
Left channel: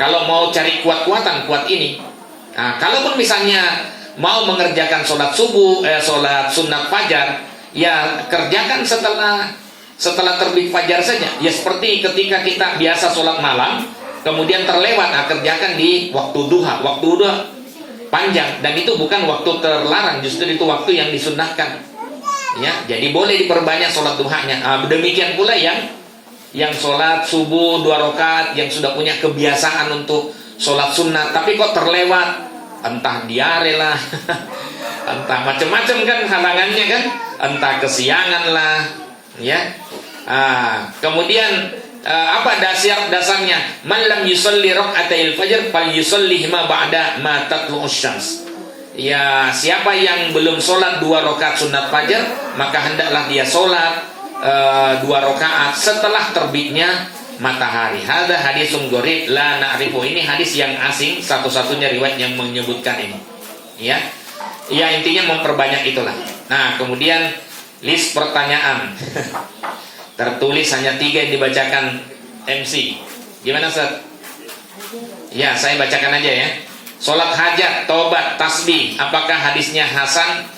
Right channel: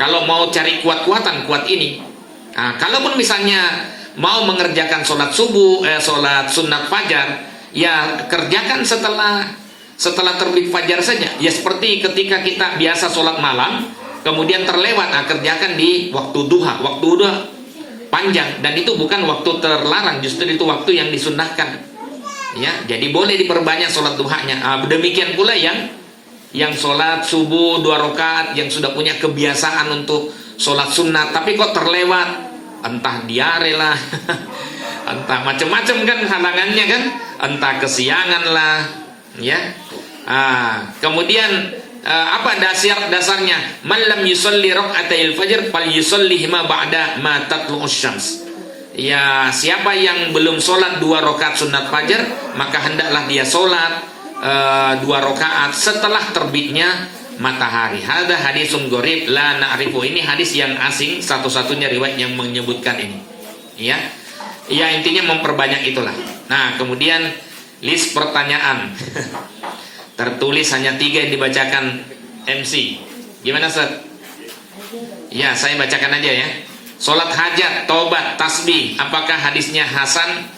Kalau mau cari kuat-kuatan, kuat ini. Kalaupun misalnya mau mengerjakan sholat subuh, sholat sunat fajar, ya kerjakan setelah terbit fajar saja. Ya seperti ketika kita biasa sholat malam, kemudian terlewat, kerjakan di waktu duha. Waktu duha panjang, dan itu bukan waktu terlarang, justru itu waktu yang disunnahkan. Ya, jadi boleh diperbanyak sholat duhanya. Demikian pula yang sholat subuh 2 rakaat, yang sudah punya kebiasaan untuk sholat sunat, tapi kok terlewat, entah diare lah, entah macam-macam kan halangannya kan, entah kesiangan lah. Ya, kemudian apa dasarnya? Man lam yusalli rak'atayil fajr fal yusallihima ba'da ma tatlu'us syams. Ya, siapa yang belum sholat 2 rakaat sunat fajar, maka hendaklah dia sholat 2 rakaat setelah terbitnya matahari. Hadza hadisun gharib la na'rifu. Ini hadis yang asing, satu-satunya riwayat yang menyebutkan ini. Ya, intinya memperbanyak itulah. Nah, kemudian list pertanyaan tertulis hanya 3 yang dibacakan MC. Gimana Ustaz? Ya, saya bacakan aja ya. Sholat hajat, tobat, tasbih, apakah hadisnya hasan,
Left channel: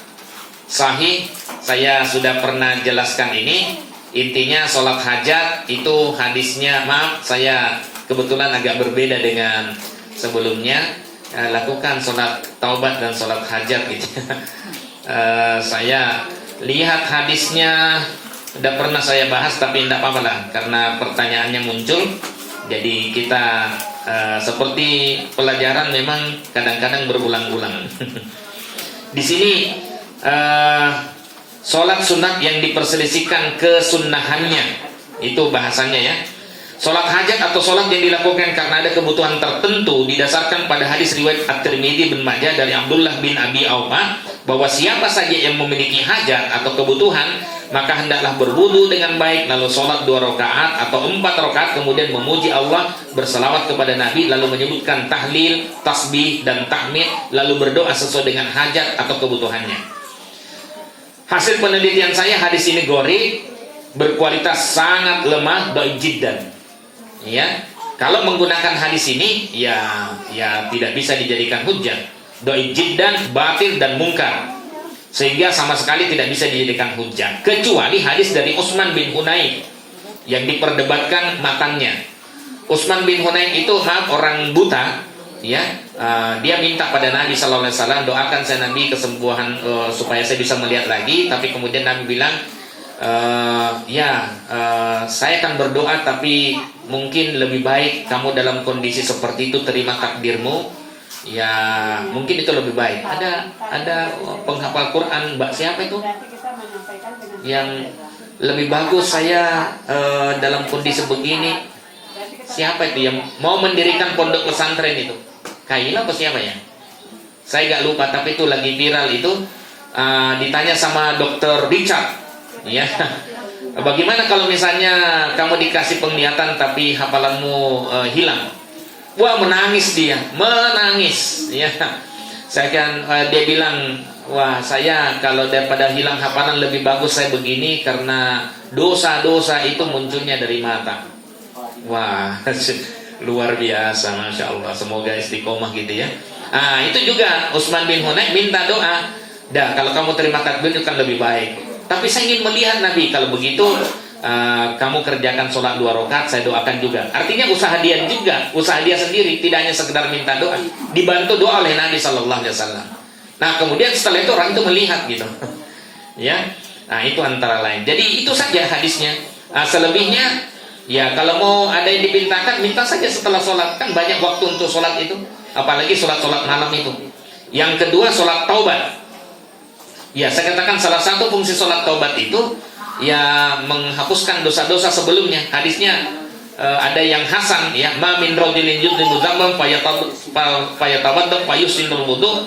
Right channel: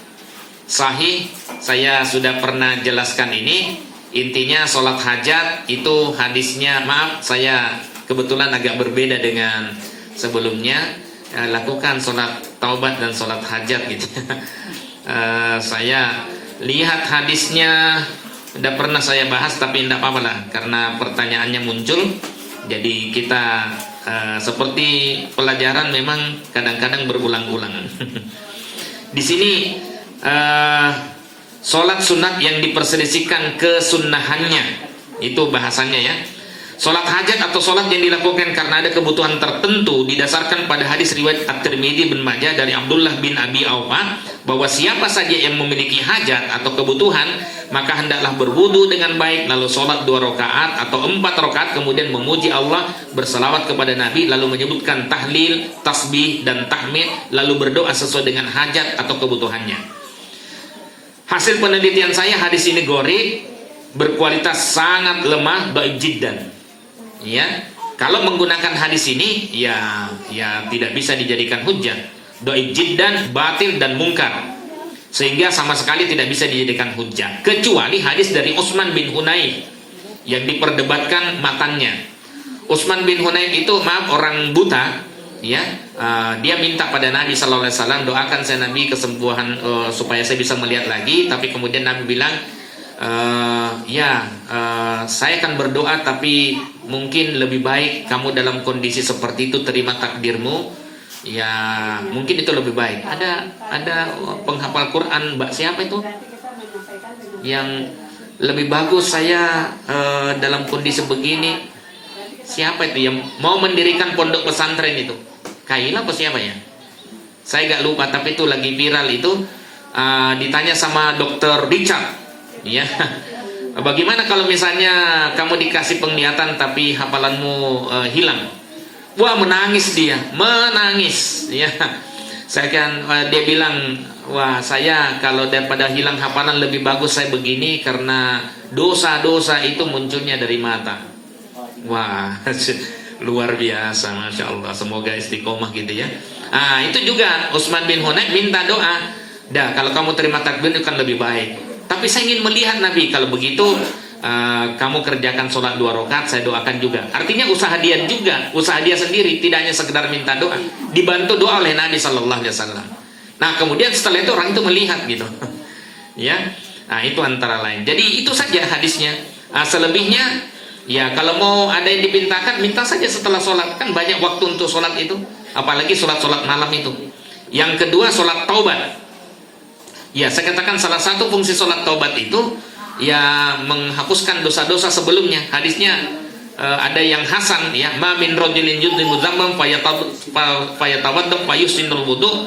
sahih? Saya sudah pernah jelaskan ini. Intinya sholat hajat itu hadisnya, maaf, saya kebetulan agak berbeda dengan sebelumnya. Lakukan sholat taubat dan sholat hajat gitu. Saya lihat hadisnya udah pernah saya bahas, tapi tidak apa-apa lah karena pertanyaannya muncul. Jadi kita seperti pelajaran memang kadang-kadang berulang-ulang. Di sini sholat sunat yang diperselisihkan kesunnahannya, itu bahasanya ya. Sholat hajat atau sholat yang dilakukan karena ada kebutuhan tertentu didasarkan pada hadis riwayat At-Tirmidzi bin Majah dari Abdullah bin Abi Aufa bahwa siapa saja yang memiliki hajat atau kebutuhan maka hendaklah berwudu dengan baik, lalu sholat 2 rakaat atau 4 rakaat, kemudian memuji Allah, berselawat kepada Nabi, lalu menyebutkan tahlil, tasbih dan tahmid, lalu berdoa sesuai dengan hajat atau kebutuhannya. Hasil penelitian saya, hadis ini gori, berkualitas sangat lemah, dhaif jiddan. Ya, kalau menggunakan hadis ini ya tidak bisa dijadikan hujjah. Dhaif jiddan, batil dan mungkar, sehingga sama sekali tidak bisa dijadikan hujjah, kecuali hadis dari Utsman bin Hunain yang diperdebatkan matanya. Utsman bin Hunain itu orang buta, ya. Dia minta pada Nabi sallallahu alaihi wasallam, doakan saya Nabi kesembuhan supaya saya bisa melihat lagi. Tapi kemudian Nabi bilang, saya akan berdoa, tapi mungkin lebih baik kamu dalam kondisi seperti itu terima takdirmu. Ya, mungkin itu lebih baik. Ada penghafal Quran, Mbak siapa itu? Yang lebih bagus saya dalam kondisi begini. Siapa itu yang mau mendirikan pondok pesantren itu? Kaila apa siapa ya? Saya gak lupa, tapi itu lagi viral itu. Ditanya sama Dokter Richard, ya. Bagaimana kalau misalnya kamu dikasih penglihatan tapi hafalanmu hilang? Wah, menangis dia, menangis, ya. Dia bilang, wah, saya kalau daripada hilang hafalan lebih bagus saya begini karena dosa-dosa itu munculnya dari mata. Wah, luar biasa, masya Allah. Semoga istiqomah gitu ya. Itu juga Utsman bin Hunain minta doa. Dah, kalau kamu terima takdir itu kan lebih baik. Tapi saya ingin melihat Nabi, kalau begitu kamu kerjakan sholat 2 rakaat, saya doakan juga. Artinya usaha dia juga, usaha dia sendiri, tidak hanya sekedar minta doa, dibantu doa oleh Nabi Sallallahu Alaihi Wasallam. Nah kemudian setelah itu orang itu melihat gitu, ya. Nah itu antara lain. Jadi itu saja hadisnya. Selebihnya, ya kalau mau ada yang dipintakan, minta saja setelah sholat, kan banyak waktu untuk sholat itu, apalagi sholat malam itu. Yang kedua, sholat taubat. Ya, saya katakan salah satu fungsi sholat taubat itu ya menghapuskan dosa-dosa sebelumnya. Hadisnya ada yang hasan, ya, ma min rajulin yudhibu dzamban fayatawadda fayusinul wudu,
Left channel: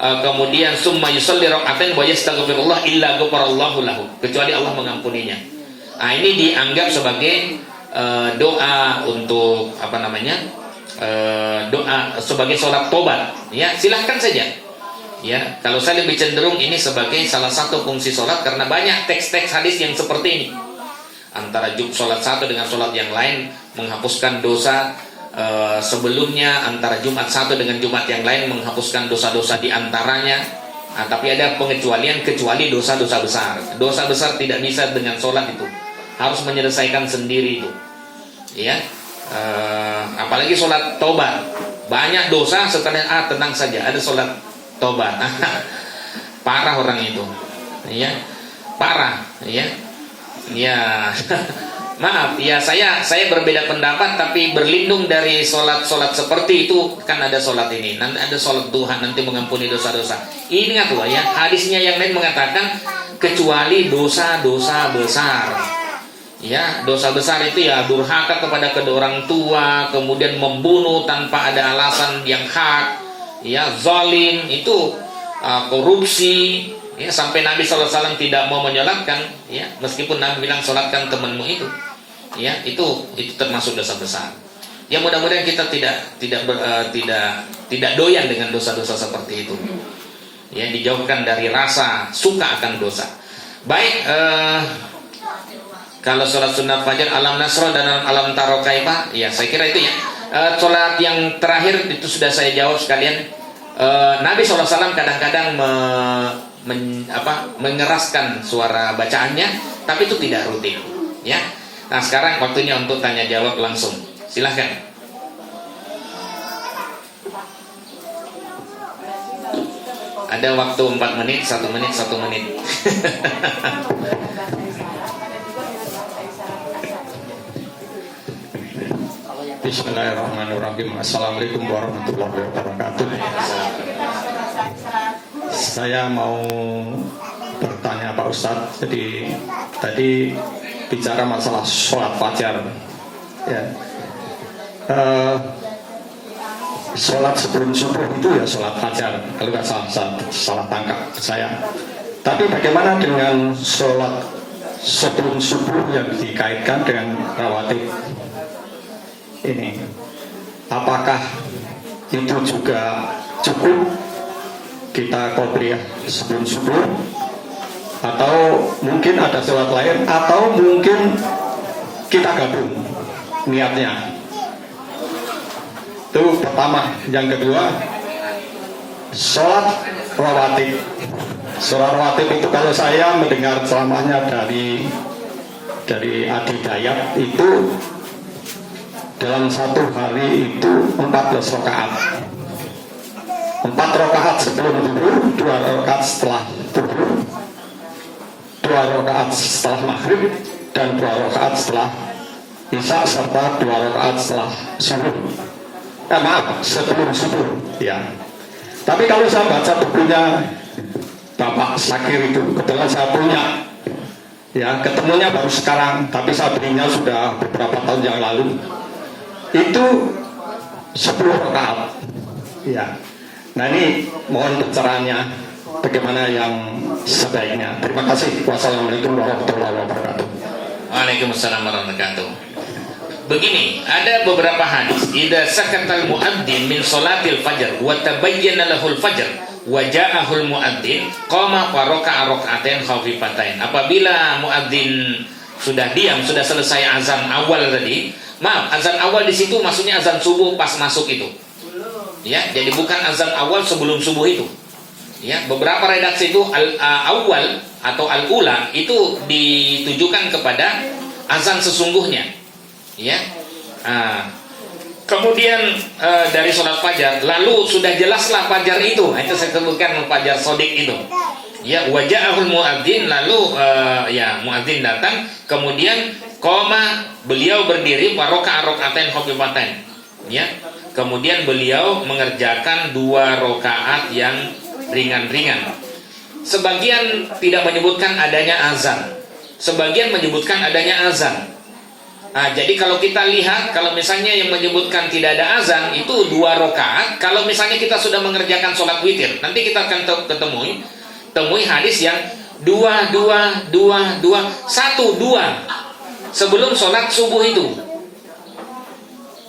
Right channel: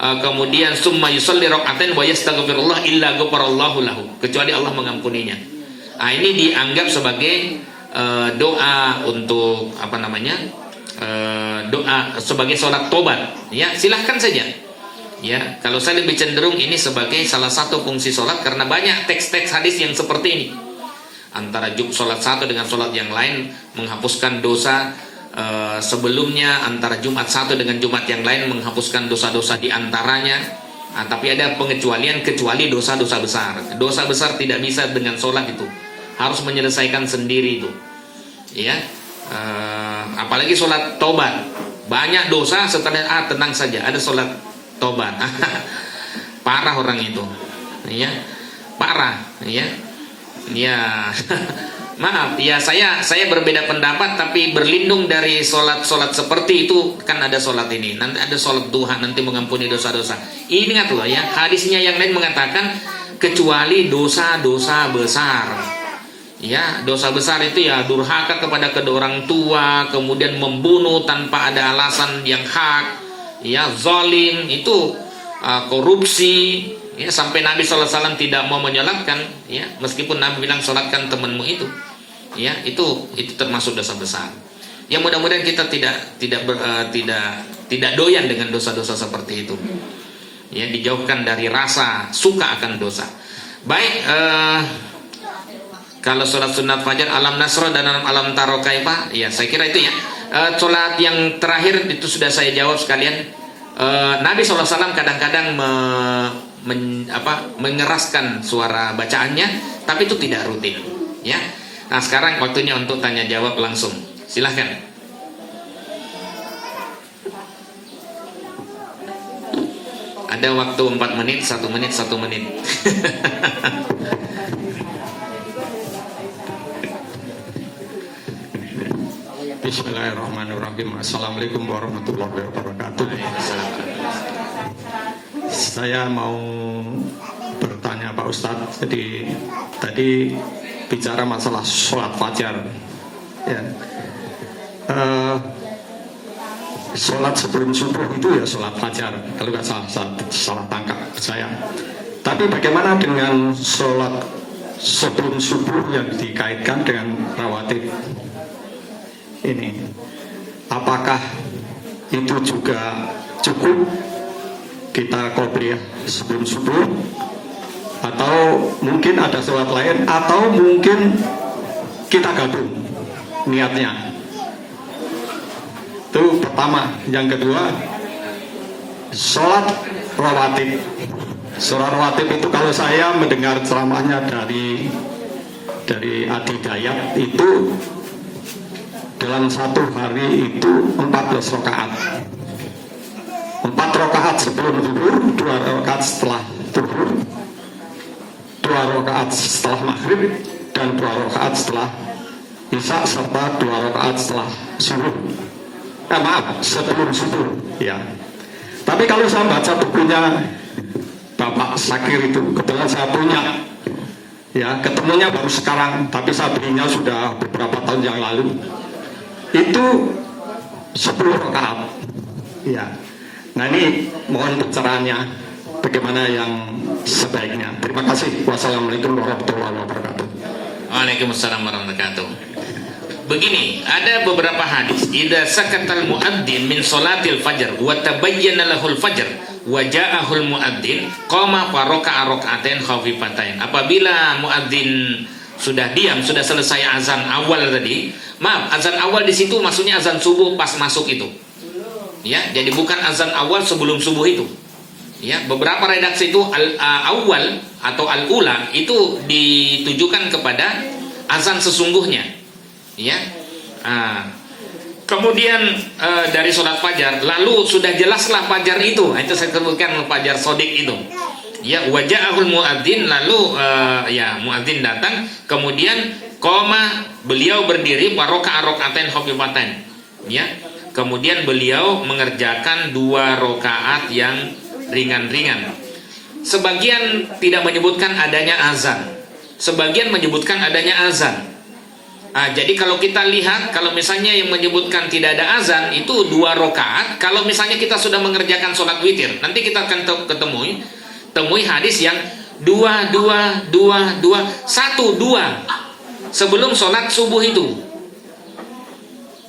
kemudian summa yusalli rak'atain wa yastaghfirullah illa ghafarallahu lahu, kecuali Allah mengampuninya. Ini dianggap sebagai doa untuk doa sebagai sholat tobat. Ya, silahkan saja. Ya, kalau saya lebih cenderung ini sebagai salah satu fungsi sholat, karena banyak teks-teks hadis yang seperti ini. Antara sholat satu dengan sholat yang lain menghapuskan dosa sebelumnya, antara Jumat satu dengan Jumat yang lain menghapuskan dosa-dosa di antaranya. Tapi ada pengecualian, kecuali dosa-dosa besar. Dosa besar tidak bisa dengan sholat itu, harus menyelesaikan sendiri itu. Ya, apalagi sholat tobat, banyak dosa setelah tenang saja, ada sholat tobat. Parah orang itu, ya, parah, ya. Maaf, ya saya berbeda pendapat, tapi berlindung dari sholat seperti itu. Kan ada sholat ini, nanti ada sholat duha, nanti mengampuni dosa-dosa. Ingatlah ya, hadisnya yang lain mengatakan kecuali dosa-dosa besar. Ya, dosa besar itu ya durhaka kepada kedua orang tua, kemudian membunuh tanpa ada alasan yang hak. Ya, zalim itu, korupsi, ya, sampai Nabi SAW tidak mau menyolatkan, ya, meskipun Nabi bilang solatkan temanmu itu, ya, itu termasuk dosa besar. Ya, mudah-mudahan kita tidak doyan dengan dosa-dosa seperti itu. Ya, dijauhkan dari rasa suka akan dosa. Baik, kalau sholat sunat fajar, alam nasro dan alam tarokai, Pak, ya, saya kira itu ya. Sholat yang terakhir itu sudah saya jawab sekalian. Nabi SAW kadang-kadang mengeraskan suara bacaannya, tapi itu tidak rutin. Ya. Nah sekarang waktunya untuk tanya jawab langsung. Silahkan. Ada waktu 4 menit, 1 menit, 1 menit. Bismillahirrahmanirrahim. Assalamualaikum warahmatullahi wabarakatuh. Saya mau bertanya Pak Ustadz. Jadi tadi bicara masalah sholat fajar, ya. Sholat sebelum subuh itu ya sholat fajar, kalau nggak salah tangkap saya. Tapi bagaimana dengan sholat sebelum subuh yang dikaitkan dengan rawatib ini? Apakah itu juga cukup kita qobliyah sebelum subuh, atau mungkin ada sholat lain, atau mungkin kita gabung niatnya? Itu pertama. Yang kedua, sholat rawatib. Sholat rawatib itu kalau saya mendengar ceramahnya dari Adi Dayat, itu dalam satu hari itu 14 rakaat. 4 rakaat sebelum zuhur, 2 rakaat setelah zuhur, 2 rakaat setelah maghrib, dan 2 rakaat setelah isya, serta 2 rakaat setelah subuh. Sebelum subuh, ya. Tapi kalau saya baca bukunya Bapak Sakir itu, kebetulan saya punya, ya, ketemunya baru sekarang, tapi saya belinya sudah beberapa tahun yang lalu. Itu 10 rakaat, ya. Nah, ini mohon pencerahannya bagaimana yang sebaiknya. Terima kasih. Wassalamualaikum warahmatullahi wabarakatuh. Waalaikumsalam warahmatullahi wabarakatuh. Begini, ada beberapa hadis. Idza sakatal muadzin min salatil fajr wa tabayyana lahul fajr wa ja'ahul muadzin qama fa raka'a raka'atain khafifatain. Apabila muadzin sudah diam, sudah selesai azan awal tadi. Maaf, azan awal di situ maksudnya azan subuh pas masuk itu. Ya, jadi bukan azan awal sebelum subuh itu. Ya, beberapa redaksi itu awal atau al-ula itu ditujukan kepada azan sesungguhnya. Ya, kemudian dari sholat fajar, lalu sudah jelaslah fajar itu saya sebutkan fajar sodik itu. Ya, wajahul muadzin, lalu ya muadzin datang, kemudian qoma, beliau berdiri baroka rokaatain khofifatain. Ya, kemudian beliau mengerjakan 2 rakaat yang ringan-ringan. Sebagian tidak menyebutkan adanya azan, sebagian menyebutkan adanya azan. Jadi kalau kita lihat, kalau misalnya yang menyebutkan tidak ada azan itu 2 rakaat. Kalau misalnya kita sudah mengerjakan sholat witir, nanti kita akan temui hadis yang 2, 2, 2, 2, 1, 2 sebelum sholat subuh itu.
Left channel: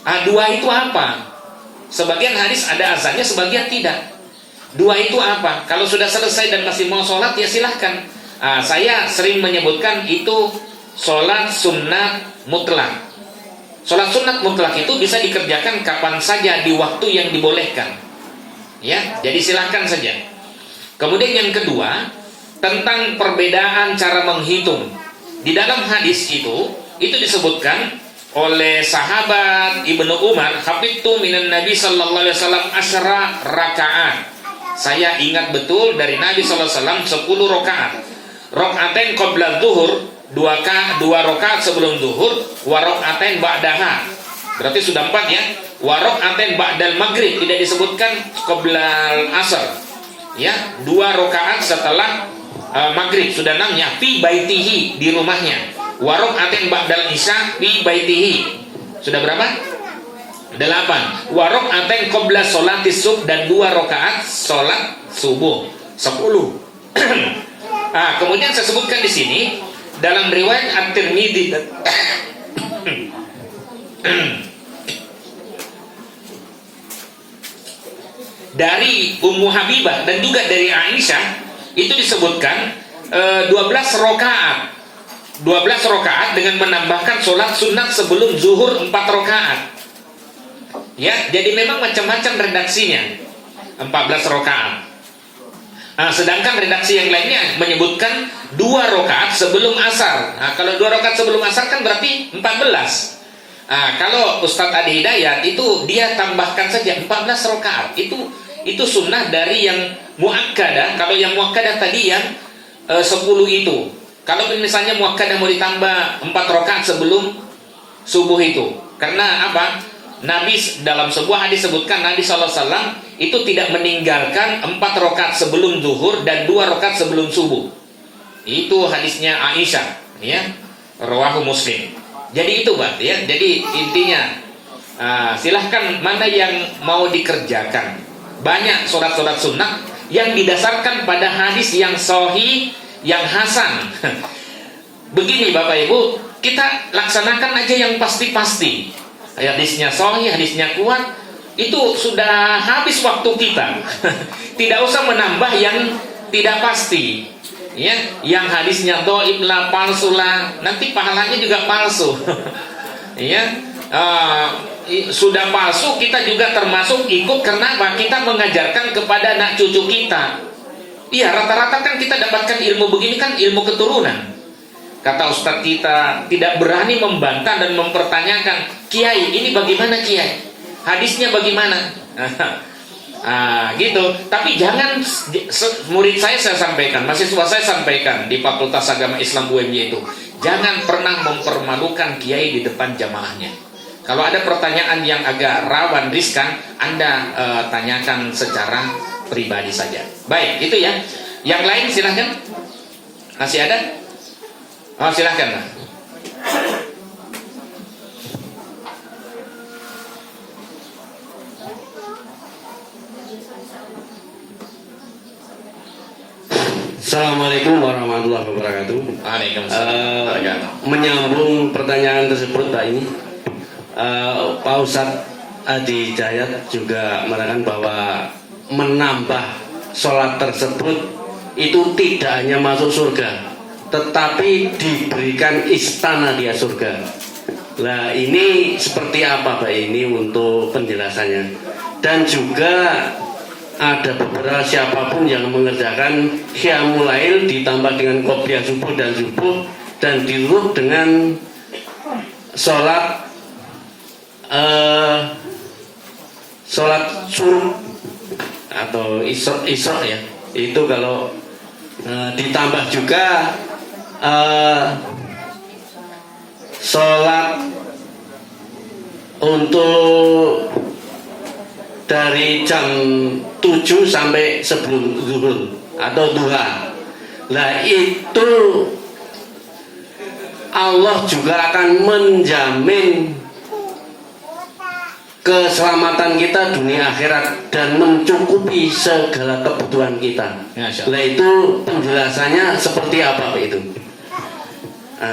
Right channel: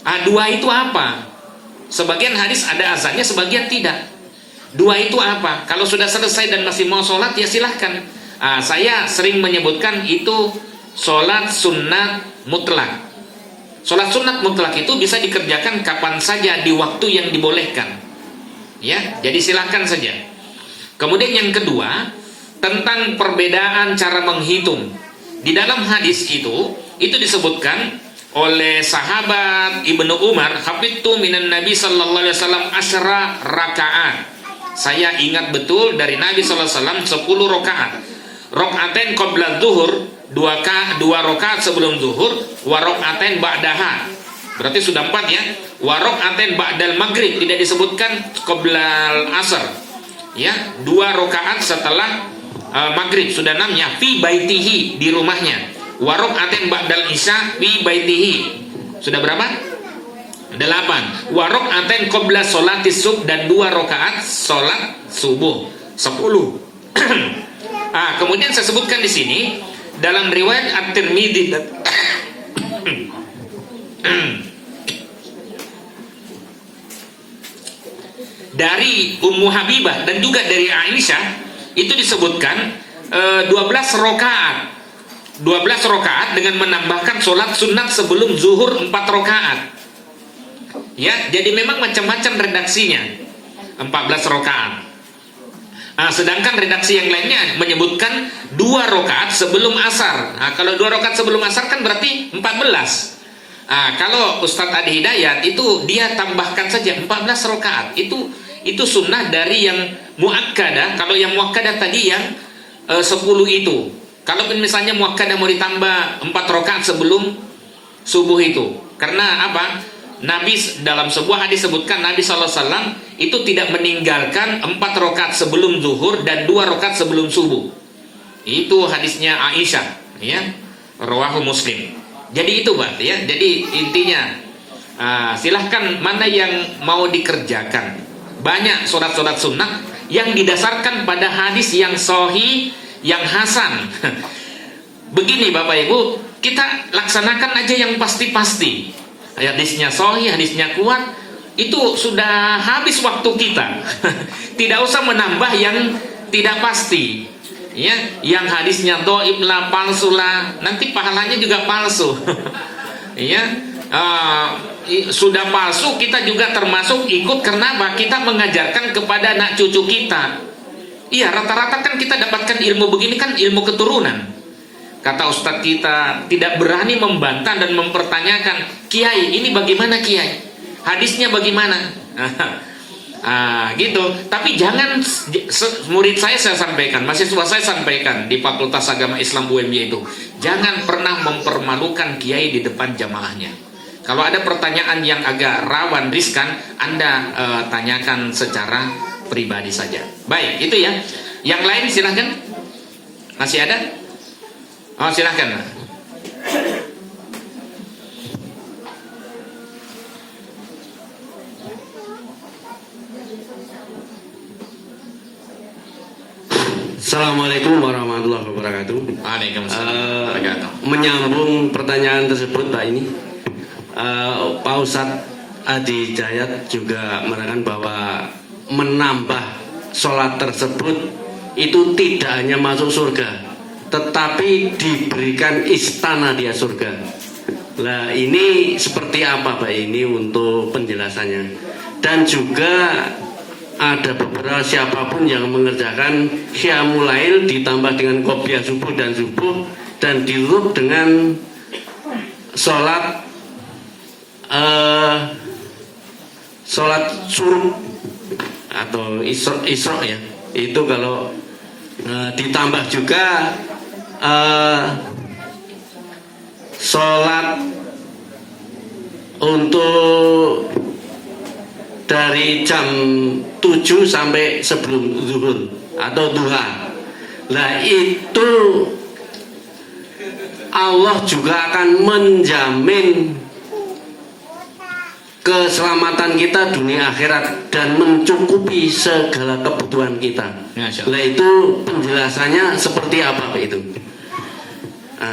2 itu apa? Sebagian hadis ada azannya, sebagian tidak. 2 itu apa? Kalau sudah selesai dan masih mau sholat, ya silahkan. Saya sering menyebutkan itu sholat sunat mutlak. Sholat sunat mutlak itu bisa dikerjakan kapan saja di waktu yang dibolehkan. Ya, jadi silahkan saja. Kemudian yang kedua, tentang perbedaan cara menghitung. Di dalam hadis itu disebutkan oleh sahabat Ibnu Umar, hafidtu minan Nabi sallallahu alaihi wasallam asyra rakaat. Saya ingat betul dari Nabi sallallahu alaihi wasallam 10 rakaat. Rakaatain qabla zuhur, 2 rakaat sebelum zuhur, wa rakaatain ba'daha. Berarti sudah 4 ya. Wa rakaatain ba'dal maghrib, tidak disebutkan qoblal asar. Ya, 2 rakaat setelah maghrib, sudah 6 ya. Fi baitihi, di rumahnya. Wa rakaatain ba'dal isya fi baitihi. Sudah berapa? 8. Wa rakaatain qabla sholatis subh, dan 2 rakaat sholat subuh. 10. Kemudian saya sebutkan di sini dalam riwayat At-Tirmidzi dari Ummu Habibah dan juga dari Aisyah, itu disebutkan 12 rakaat. 12 rakaat dengan menambahkan sholat sunat sebelum zuhur 4 rakaat. Ya, jadi memang macam-macam redaksinya. 14 rakaat. Sedangkan redaksi yang lainnya menyebutkan 2 rakaat sebelum asar. Kalau 2 rakaat sebelum asar kan berarti 14. Kalau Ustadz Adi Hidayat itu dia tambahkan saja 14 rakaat. Itu itu sunnah dari yang muakkadah. Kalau yang muakkadah tadi yang 10 itu. Kalau misalnya muakkadah mau ditambah 4 rakaat sebelum subuh itu. Karena apa? Nabi dalam sebuah hadis sebutkan Nabi SAW itu tidak meninggalkan 4 rakaat sebelum zuhur dan 2 rakaat sebelum subuh. Itu hadisnya Aisyah, ya, rawahu Muslim. Jadi itu, Pak, ya. Jadi intinya silahkan mana yang mau dikerjakan. Banyak sholat-sholat sunnah yang didasarkan pada hadis yang sahih, yang hasan. Begini Bapak Ibu, kita laksanakan aja yang pasti-pasti. Hadisnya sahih, hadisnya kuat, itu sudah habis waktu kita. Tidak usah menambah yang tidak pasti. Ya, yang hadisnya dhaif lah, palsu lah, nanti pahalanya juga palsu. Ya, sudah palsu kita juga termasuk ikut. Kenapa? Kita mengajarkan kepada anak cucu kita. Iya, rata-rata kan kita dapatkan ilmu begini kan ilmu keturunan. Kata ustadz kita tidak berani membantah dan mempertanyakan, Kiai ini bagaimana Kiai? Hadisnya bagaimana? Gitu. Tapi jangan, murid saya sampaikan, mahasiswa saya sampaikan di Fakultas Agama Islam UMY itu, jangan pernah mempermalukan Kiai di depan jamaahnya. Kalau ada pertanyaan yang agak rawan, riskan, Anda tanyakan secara pribadi saja. Baik, itu ya. Yang lain silahkan. Masih ada? Oh, silahkan. Assalamualaikum warahmatullahi wabarakatuh. Waalaikumsalam. Menyambung pertanyaan tersebut Pak ini, Pak Ustadz Adi Hidayat juga mengatakan bahwa menambah sholat tersebut itu tidak hanya masuk surga, tetapi diberikan istana dia surga. Nah ini seperti apa Pak ini untuk penjelasannya? Dan juga ada beberapa siapapun yang mengerjakan qiyamul lail ditambah dengan qobliyah subuh dan diurut dengan sholat suruh atau isra ya, itu kalau ditambah juga sholat untuk dari jam 7 sampai sebelum zuhur atau duha. Nah itu Allah juga akan menjamin keselamatan kita dunia akhirat dan mencukupi segala kebutuhan kita. Nah itu penjelasannya seperti apa Pak itu?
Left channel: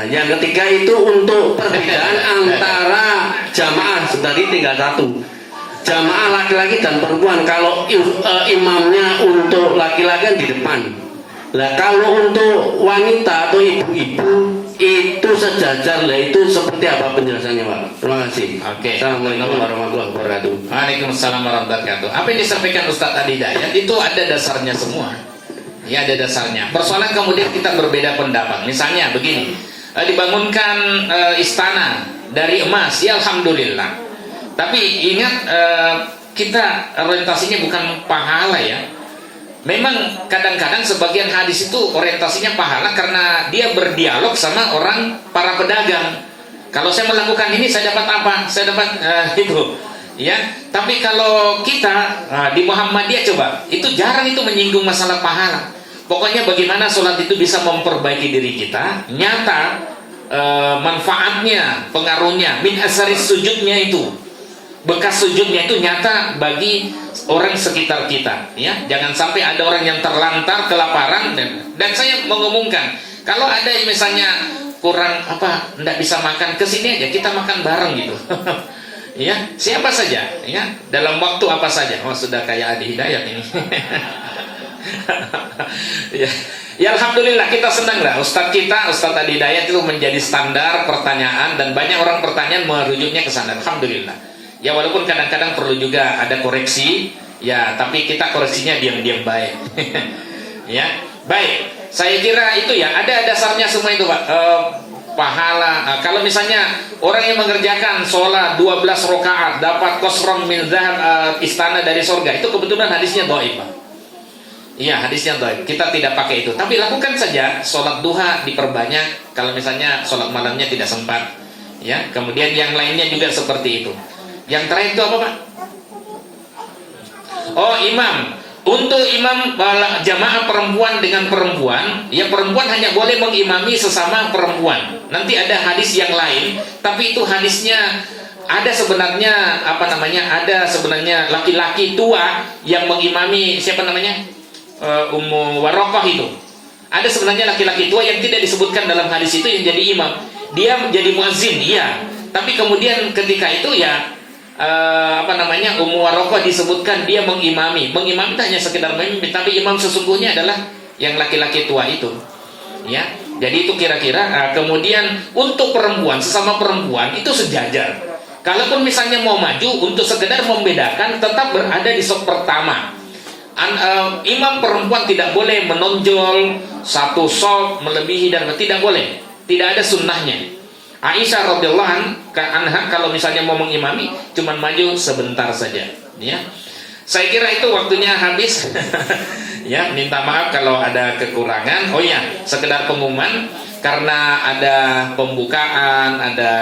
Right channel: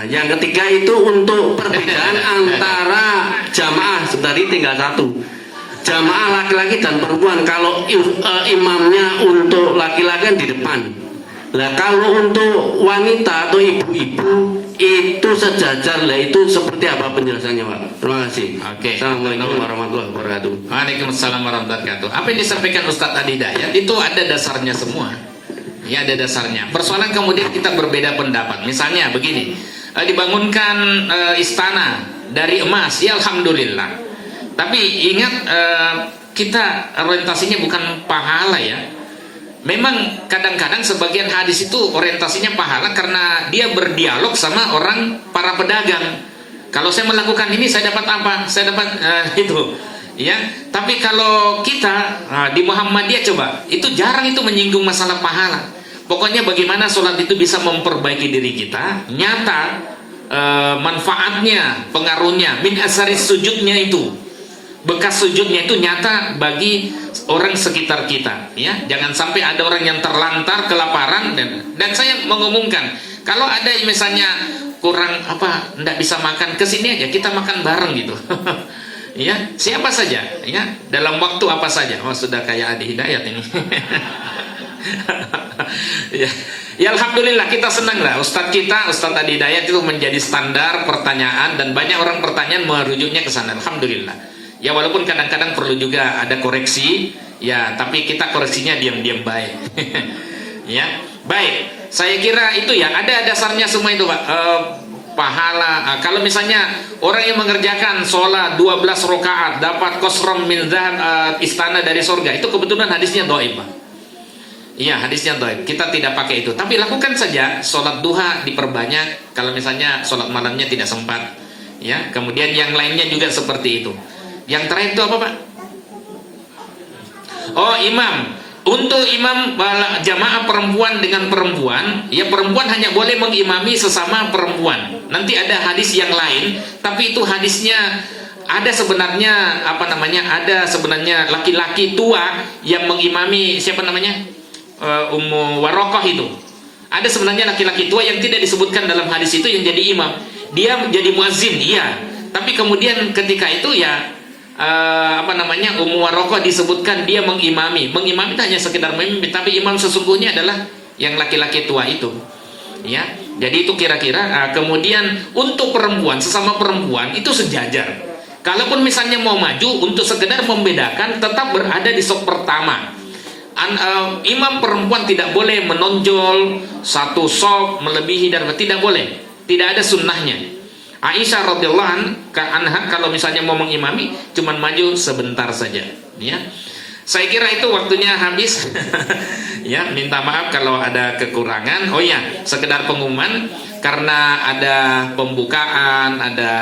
Yang ketiga itu untuk perbedaan antara jamaah, tadi tinggal satu. Jamaah laki-laki dan perempuan, kalau imamnya untuk laki-laki kan di depan. Lah kalau untuk wanita atau ibu-ibu itu sejajar, lah itu seperti apa penjelasannya Pak? Terima kasih. Oke. Assalamualaikum warahmatullahi wabarakatuh. Waalaikumsalam warahmatullahi wabarakatuh. Apa yang disampaikan Ustadz Adi Hidayat itu ada dasarnya semua. Ya ada dasarnya. Persoalan kemudian kita berbeda pendapat. Misalnya begini, dibangunkan istana dari emas, ya alhamdulillah. Tapi ingat kita orientasinya bukan pahala ya. Memang kadang-kadang sebagian hadis itu orientasinya pahala karena dia berdialog sama orang para pedagang. Kalau saya melakukan ini saya dapat apa? Saya dapat itu. Ya. Tapi kalau kita di Muhammadiyah coba, itu jarang itu menyinggung masalah pahala. Pokoknya bagaimana sholat itu bisa memperbaiki diri kita, nyata manfaatnya, pengaruhnya, min asaris sujudnya itu. Bekas sujudnya itu nyata bagi orang sekitar kita, ya. Jangan sampai ada orang yang terlantar kelaparan dan saya mengumumkan kalau ada misalnya kurang apa, tidak bisa makan, kesini aja kita makan bareng gitu. Ya, siapa saja, ya, dalam waktu apa saja. Oh, sudah kayak Adi Hidayat ini. Ya. Ya alhamdulillah kita senang lah Ustadz Adi Hidayat itu menjadi standar pertanyaan dan banyak orang pertanyaan merujuknya ke sana. Alhamdulillah. Ya walaupun kadang-kadang perlu juga ada koreksi, ya tapi kita koreksinya diam-diam baik. Ya, baik. Saya kira itu ya ada dasarnya semua itu Pak. pahala. Kalau misalnya orang yang mengerjakan sholat 12 rakaat dapat qasram min dzahab, istana dari surga, itu kebetulan hadisnya dhaif, Pak. Iya, hadisnya dhaif. Kita tidak pakai itu. Tapi lakukan saja sholat duha diperbanyak kalau misalnya sholat malamnya tidak sempat. Ya, kemudian yang lainnya juga seperti itu. Yang terakhir itu apa, Pak? Oh, imam. Untuk imam jamaah perempuan dengan perempuan, ya perempuan hanya boleh mengimami sesama perempuan. Nanti ada hadis yang lain, tapi itu hadisnya ada sebenarnya ada sebenarnya laki-laki tua yang mengimami siapa namanya? Ummu Waraqah itu. Ada sebenarnya laki-laki tua yang tidak disebutkan dalam hadis itu yang jadi imam. Dia menjadi muazzin, iya. Tapi kemudian ketika itu ya Ummu Waraqah disebutkan dia mengimami. Mengimami itu hanya sekedar mengimami, tapi imam sesungguhnya adalah yang laki-laki tua itu. Ya. Jadi itu kira-kira kemudian untuk perempuan, sesama perempuan itu sejajar. Kalaupun misalnya mau maju untuk sekedar membedakan, tetap berada di saf pertama. Imam perempuan tidak boleh menonjol satu saf melebihi dan tidak boleh. Tidak ada sunnahnya. Aisyah radhiyallahu anha kalau misalnya mau mengimami cuman maju sebentar saja, ya. Saya kira itu waktunya habis. Ya, minta maaf kalau ada kekurangan. Oh ya, sekedar pengumuman karena ada pembukaan, ada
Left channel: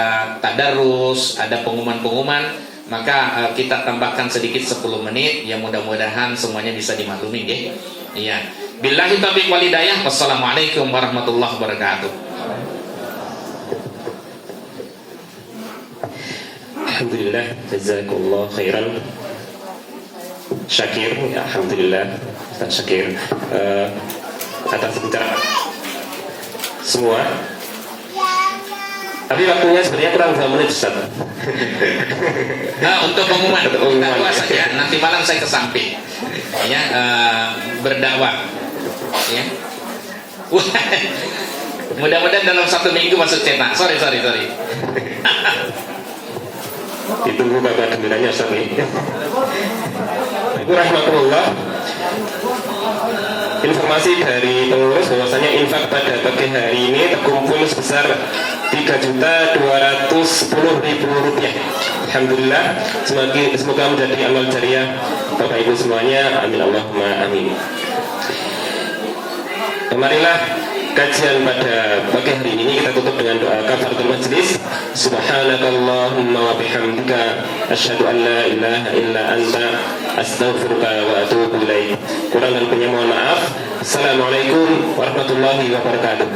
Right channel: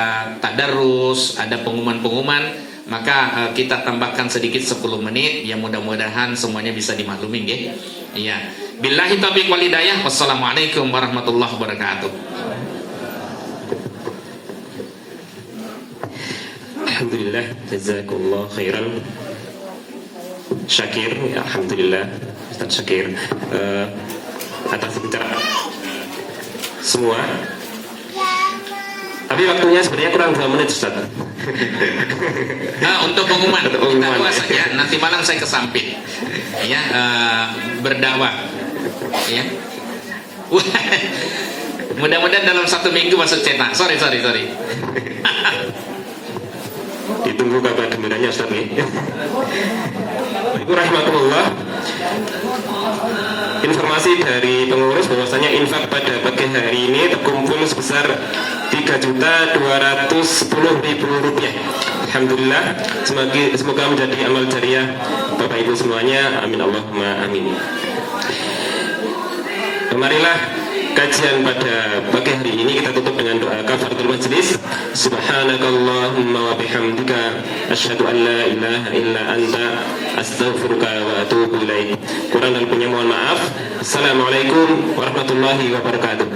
tadarus, ada pengumuman-pengumuman, maka kita tambahkan sedikit 10 menit. Ya mudah-mudahan semuanya bisa dimaklumi, nggih. Iya. Billahi taufiq wal hidayah. Wassalamualaikum warahmatullahi wabarakatuh. Alhamdulillah, jazakumullah khairan. Syakir, alhamdulillah, Ustaz Syakir atas bicara semua. Tapi waktunya sebenarnya kurang 2 menit, Ustaz. Nah, untuk pengumuman kita luas saja. Nanti malam saya ke samping, ya, berdakwah, ya. Mudah-mudahan dalam 1 minggu masuk cetak. Sorry. Ditunggu kabar gembiranya, Ustaz nih. Rahmatullah. Informasi dari pengurus bahwasanya infak pada pagi hari ini terkumpul sebesar 3.210.000 rupiah. Alhamdulillah, semoga menjadi amal jariah Bapak Ibu semuanya. Amin Allahumma amin. Marilah kajian pada pagi hari ini kita tutup dengan doa kafaratul majlis. Subhanakallahumma wa bihamdika asyhadu an la ilaha illa anta astaghfiruka wa atubu ilaik. Kurang dan lebihnya mohon maaf. Assalamualaikum warahmatullahi wabarakatuh.